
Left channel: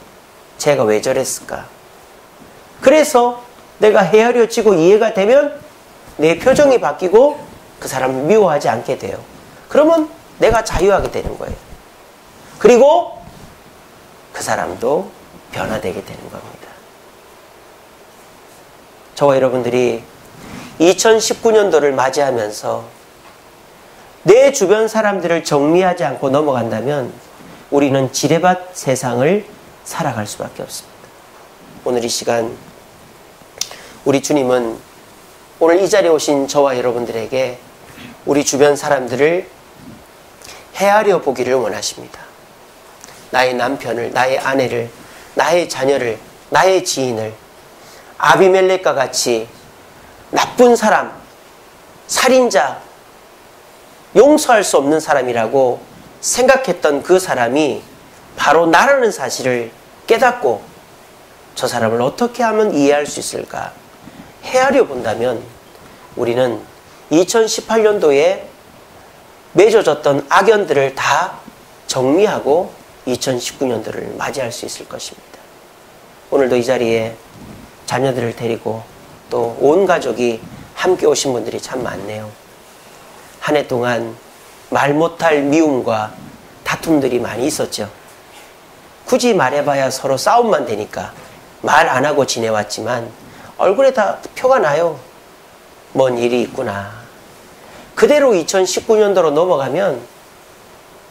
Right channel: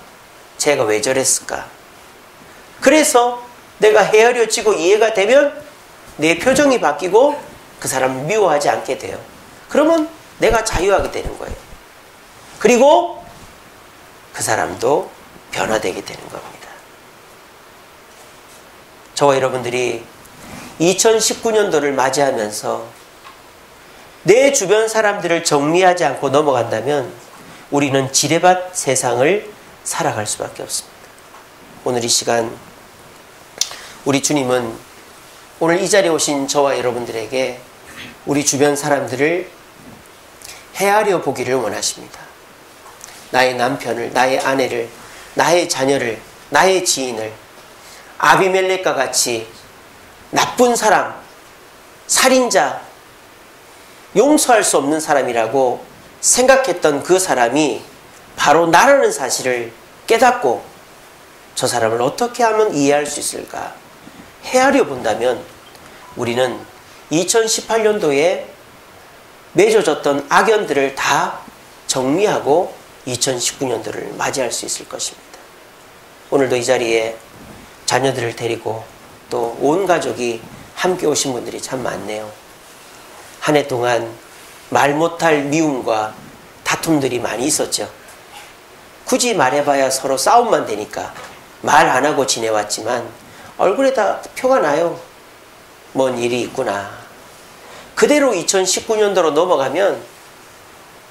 쟤가 왜 저랬을까? 그래서 내가 헤아려지고 이해가 되면 내 표정이 바뀌고 그 사람을 미워하지 않게 돼요. 그러면 내가 자유하게 되는 거예요. 그리고 그 사람도 변화되게 되는 겁니다. 저와 여러분들이 2019년도를 맞이하면서 내 주변 사람들을 정리하지 않고 넘어간다면 우리는 지뢰밭 세상을 살아갈 수밖에 없습니다. 오늘 이 시간 우리 주님은 오늘 이 자리에 오신 저와 여러분들에게 우리 주변 사람들을 헤아려 보기를 원하십니다. 나의 남편을, 나의 아내를, 나의 자녀를, 나의 지인을 아비멜렉과 같이 나쁜 사람, 살인자, 용서할 수 없는 사람이라고 생각했던 그 사람이 바로 나라는 사실을 깨닫고 저 사람을 어떻게 하면 이해할 수 있을까 헤아려 본다면 우리는 2018년도에 맺어졌던 악연들을 다 정리하고 2019년도를 맞이할 수 있을 것입니다. 오늘도 이 자리에 자녀들을 데리고 또 온 가족이 함께 오신 분들이 참 많네요. 한 해 동안 말 못할 미움과 다툼들이 많이 있었죠. 굳이 말해봐야 서로 싸움만 되니까 말 안 하고 지내왔지만 얼굴에 다 표가 나요. 뭔 일이 있구나. 그대로 2019년도로 넘어가면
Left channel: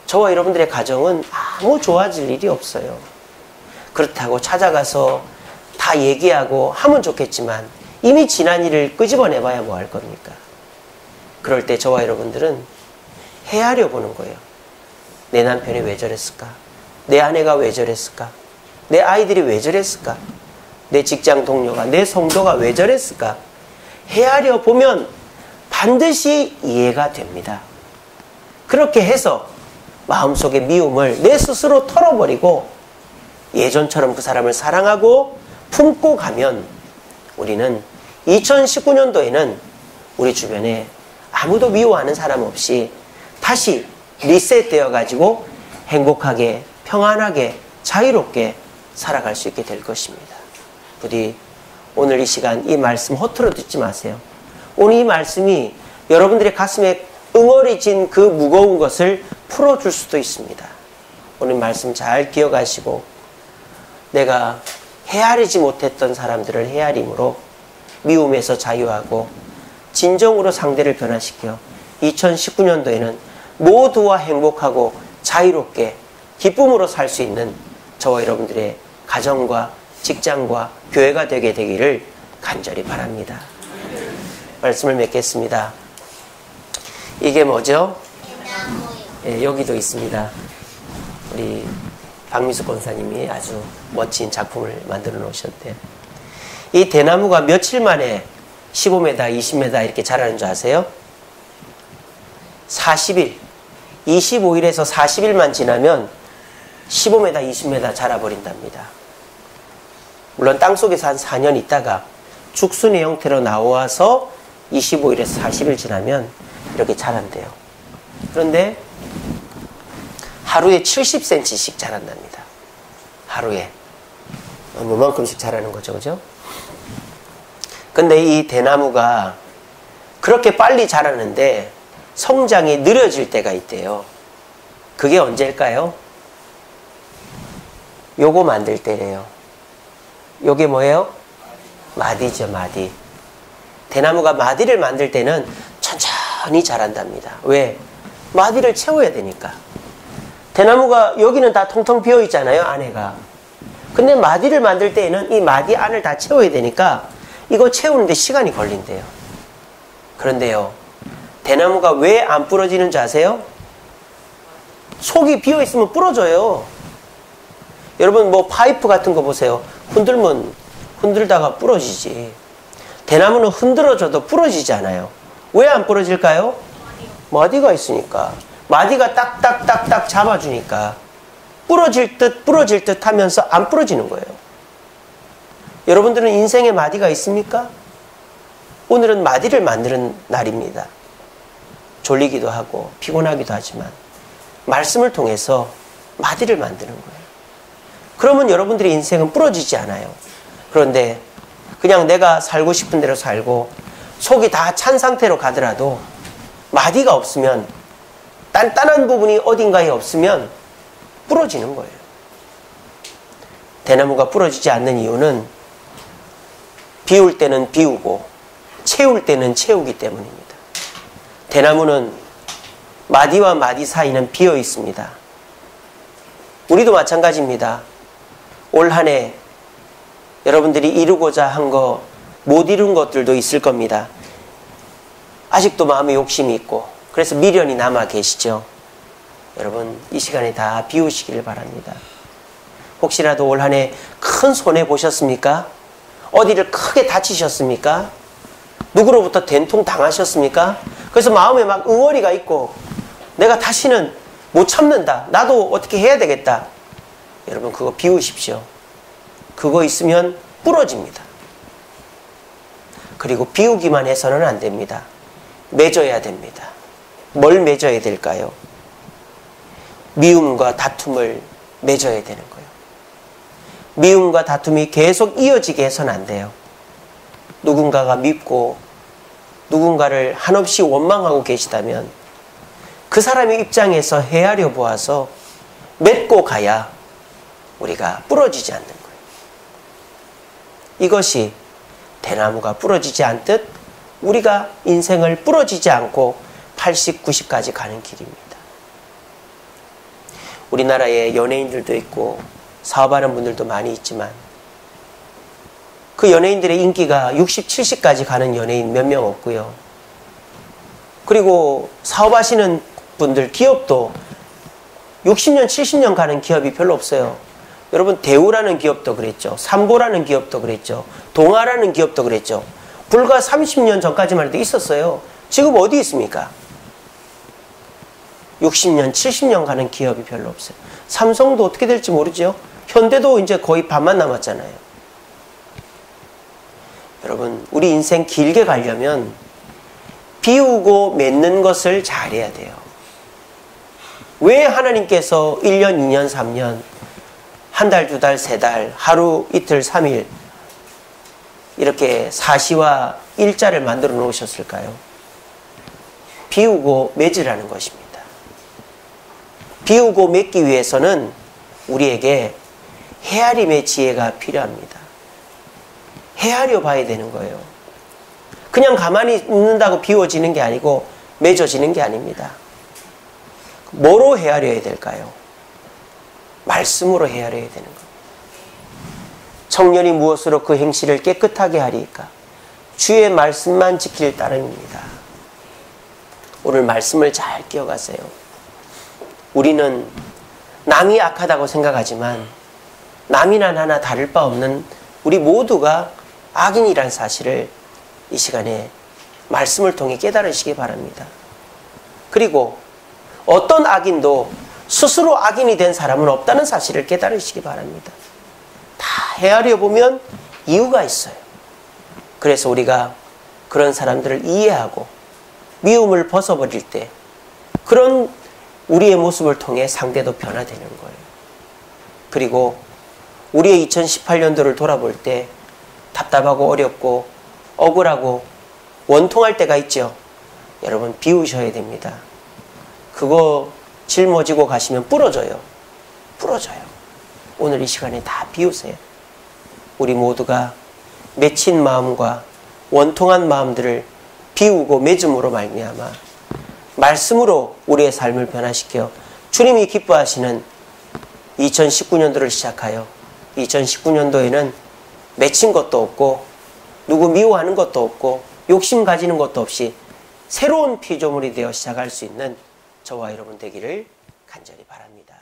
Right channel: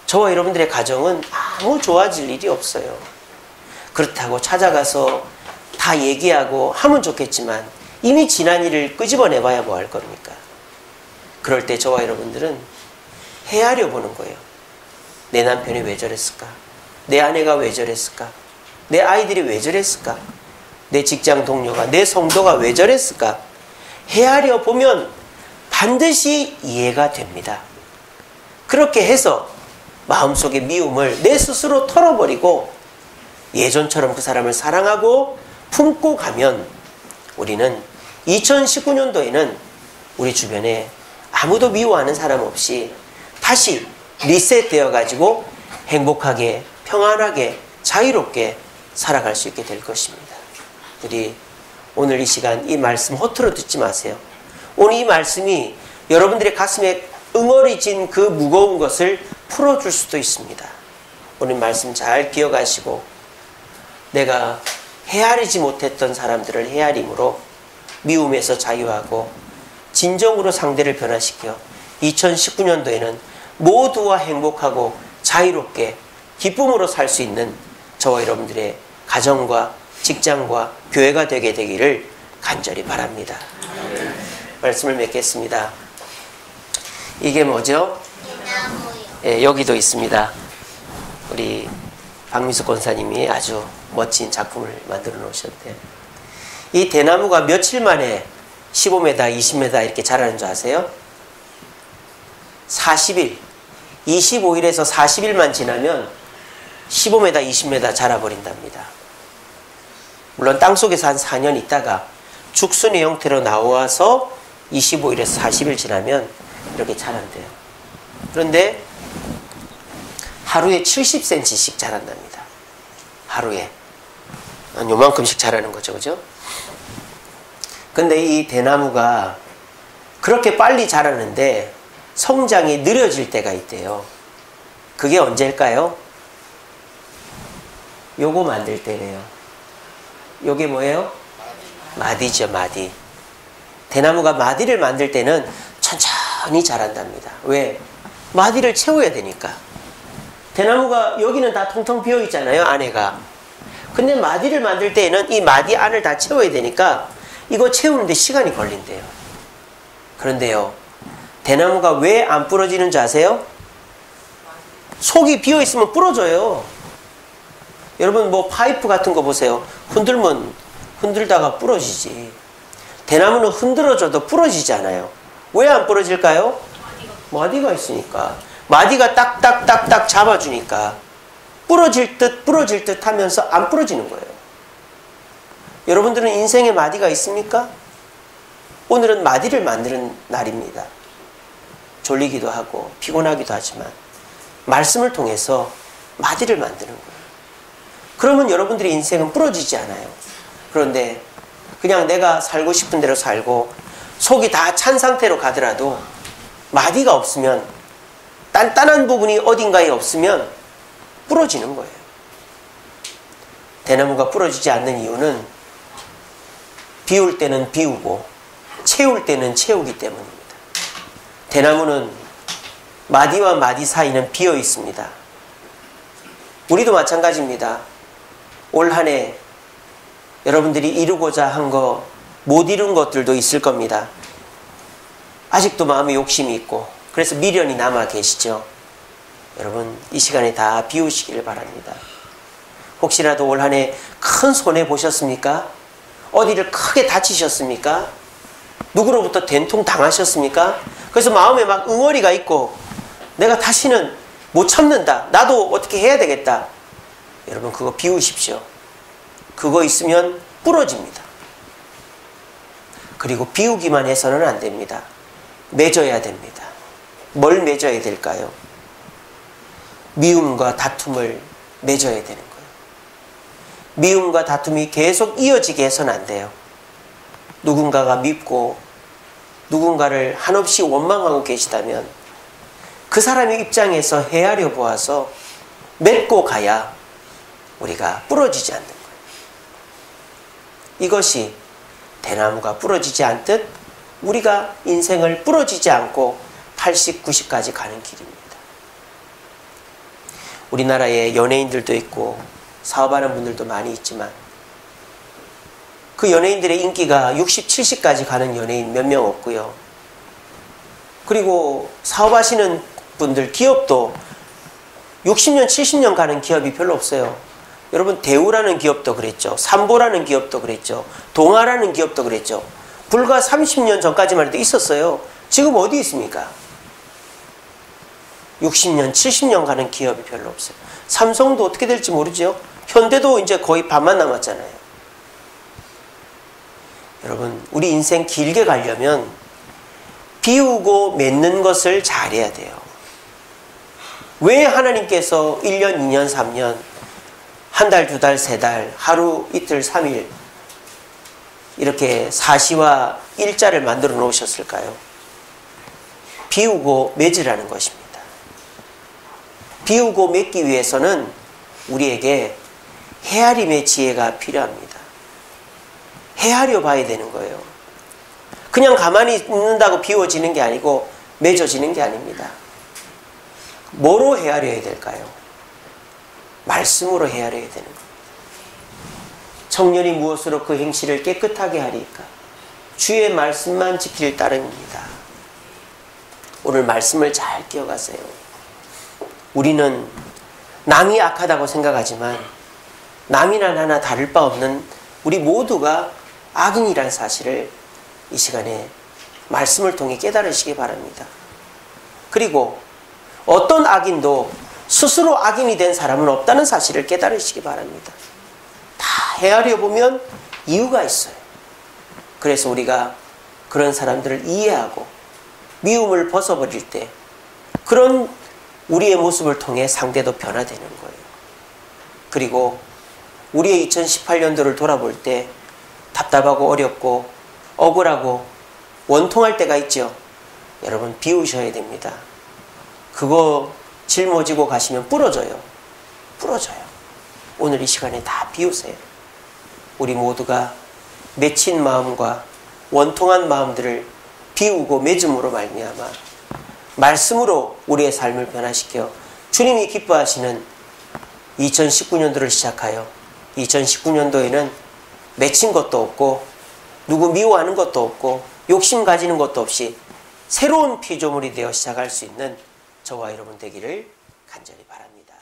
저와 여러분들의 가정은 아무 좋아질 일이 없어요. 그렇다고 찾아가서 다 얘기하고 하면 좋겠지만 이미 지난 일을 끄집어내봐야 뭐 할 겁니까? 그럴 때 저와 여러분들은 헤아려 보는 거예요. 내 남편이 왜 저랬을까? 내 아내가 왜 저랬을까? 내 아이들이 왜 저랬을까? 내 직장 동료가, 내 성도가 왜 저랬을까? 헤아려 보면 반드시 이해가 됩니다. 그렇게 해서 마음속의 미움을 내 스스로 털어버리고 예전처럼 그 사람을 사랑하고 품고 가면 우리는 2019년도에는 우리 주변에 아무도 미워하는 사람 없이 다시 리셋되어 가지고 행복하게, 평안하게, 자유롭게 살아갈 수 있게 될 것입니다. 부디 오늘 이 시간 이 말씀 허투루 듣지 마세요. 오늘 이 말씀이 여러분들의 가슴에 응어리진 그 무거운 것을 풀어줄 수도 있습니다. 오늘 말씀 잘 기억하시고 내가 헤아리지 못했던 사람들을 헤아림으로 미움에서 자유하고 진정으로 상대를 변화시켜 2019년도에는 모두와 행복하고 자유롭게 기쁨으로 살 수 있는 저와 여러분들의 가정과 직장과 교회가 되게 되기를 간절히 바랍니다. 말씀을 맺겠습니다. 이게 뭐죠? 예, 여기도 있습니다. 우리 박미숙 권사님이 아주 멋진 작품을 만들어 놓으셨대요. 이 대나무가 며칠 만에 15m, 20m 이렇게 자라는 줄 아세요? 40일, 25일에서 40일만 지나면 15m, 20m 자라버린답니다. 물론 땅속에서 한 4년 있다가 죽순의 형태로 나와서 25일에서 40일 지나면 이렇게 자란대요. 그런데 하루에 70cm씩 자란답니다. 하루에. 한 요만큼씩 자라는 거죠. 그죠? 근데 이 대나무가 그렇게 빨리 자라는데 성장이 느려질 때가 있대요. 그게 언제일까요? 요거 만들 때래요. 요게 뭐예요? 마디죠, 마디. 대나무가 마디를 만들 때는 천천히 자란답니다. 왜? 마디를 채워야 되니까. 대나무가 여기는 다 텅텅 비어 있잖아요, 안에가. 근데 마디를 만들 때에는 이 마디 안을 다 채워야 되니까 이거 채우는데 시간이 걸린대요. 그런데요, 대나무가 왜 안 부러지는 줄 아세요? 속이 비어 있으면 부러져요. 여러분 뭐 파이프 같은 거 보세요. 흔들면 흔들다가 부러지지. 대나무는 흔들어줘도 부러지지 않아요. 왜 안 부러질까요? 마디가 있으니까. 마디가 딱딱딱딱 잡아주니까 부러질 듯 하면서 안 부러지는 거예요. 여러분들은 인생에 마디가 있습니까? 오늘은 마디를 만드는 날입니다. 졸리기도 하고 피곤하기도 하지만 말씀을 통해서 마디를 만드는 거예요. 그러면 여러분들의 인생은 부러지지 않아요. 그런데 그냥 내가 살고 싶은 대로 살고 속이 다 찬 상태로 가더라도 마디가 없으면, 단단한 부분이 어딘가에 없으면 부러지는 거예요. 대나무가 부러지지 않는 이유는 비울 때는 비우고 채울 때는 채우기 때문입니다. 대나무는 마디와 마디 사이는 비어 있습니다. 우리도 마찬가지입니다. 올 한 해 여러분들이 이루고자 한 거 못 이룬 것들도 있을 겁니다. 아직도 마음에 욕심이 있고 그래서 미련이 남아 계시죠. 여러분 이 시간에 다 비우시기를 바랍니다. 혹시라도 올 한 해 큰 손해 보셨습니까? 어디를 크게 다치셨습니까? 누구로부터 된통 당하셨습니까? 그래서 마음에 막 응어리가 있고 내가 다시는 못 참는다. 나도 어떻게 해야 되겠다. 여러분 그거 비우십시오. 그거 있으면 부러집니다. 그리고 비우기만 해서는 안 됩니다. 맺어야 됩니다. 뭘 맺어야 될까요? 미움과 다툼을 맺어야 되는 거예요. 미움과 다툼이 계속 이어지게 해서는 안 돼요. 누군가가 밉고 누군가를 한없이 원망하고 계시다면 그 사람의 입장에서 헤아려 보아서 맺고 가야 우리가 부러지지 않는 거예요. 이것이 대나무가 부러지지 않듯 우리가 인생을 부러지지 않고 80, 90까지 가는 길입니다. 우리나라에 연예인들도 있고 사업하는 분들도 많이 있지만 그 연예인들의 인기가 60, 70까지 가는 연예인 몇 명 없고요. 그리고 사업하시는 분들, 기업도 60년, 70년 가는 기업이 별로 없어요. 여러분, 대우라는 기업도 그랬죠. 삼보라는 기업도 그랬죠. 동아라는 기업도 그랬죠. 불과 30년 전까지만 해도 있었어요. 지금 어디 있습니까? 60년, 70년 가는 기업이 별로 없어요. 삼성도 어떻게 될지 모르죠. 현대도 이제 거의 반만 남았잖아요. 여러분, 우리 인생 길게 가려면 비우고 맺는 것을 잘해야 돼요. 왜 하나님께서 1년, 2년, 3년, 한 달, 두 달, 세 달, 하루, 이틀, 3일 이렇게 사시와 일자를 만들어 놓으셨을까요? 비우고 맺으라는 것입니다. 비우고 맺기 위해서는 우리에게 헤아림의 지혜가 필요합니다. 헤아려 봐야 되는 거예요. 그냥 가만히 있는다고 비워지는 게 아니고 맺어지는 게 아닙니다. 뭐로 헤아려야 될까요? 말씀으로 헤아려야 되는 겁니다. 청년이 무엇으로 그 행실을 깨끗하게 하리까? 주의 말씀만 지킬 따름입니다. 오늘 말씀을 잘 기억하세요. 우리는 남이 악하다고 생각하지만 남이나 나나 다를 바 없는 우리 모두가 악인이라는 사실을 이 시간에 말씀을 통해 깨달으시기 바랍니다. 그리고 어떤 악인도 스스로 악인이 된 사람은 없다는 사실을 깨달으시기 바랍니다. 다 헤아려 보면 이유가 있어요. 그래서 우리가 그런 사람들을 이해하고 미움을 벗어버릴 때 그런 우리의 모습을 통해 상대도 변화되는 거예요. 그리고 우리의 2018년도를 돌아볼 때 답답하고 어렵고 억울하고 원통할 때가 있죠. 여러분, 비우셔야 됩니다. 그거 짊어지고 가시면 부러져요. 부러져요. 오늘 이 시간에 다 비우세요. 우리 모두가 맺힌 마음과 원통한 마음들을 비우고 맺음으로 말미암아 말씀으로 우리의 삶을 변화시켜 주님이 기뻐하시는 2019년도를 시작하여 2019년도에는 맺힌 것도 없고 누구 미워하는 것도 없고 욕심 가지는 것도 없이 새로운 피조물이 되어 시작할 수 있는 저와 여러분 되기를 간절히 바랍니다.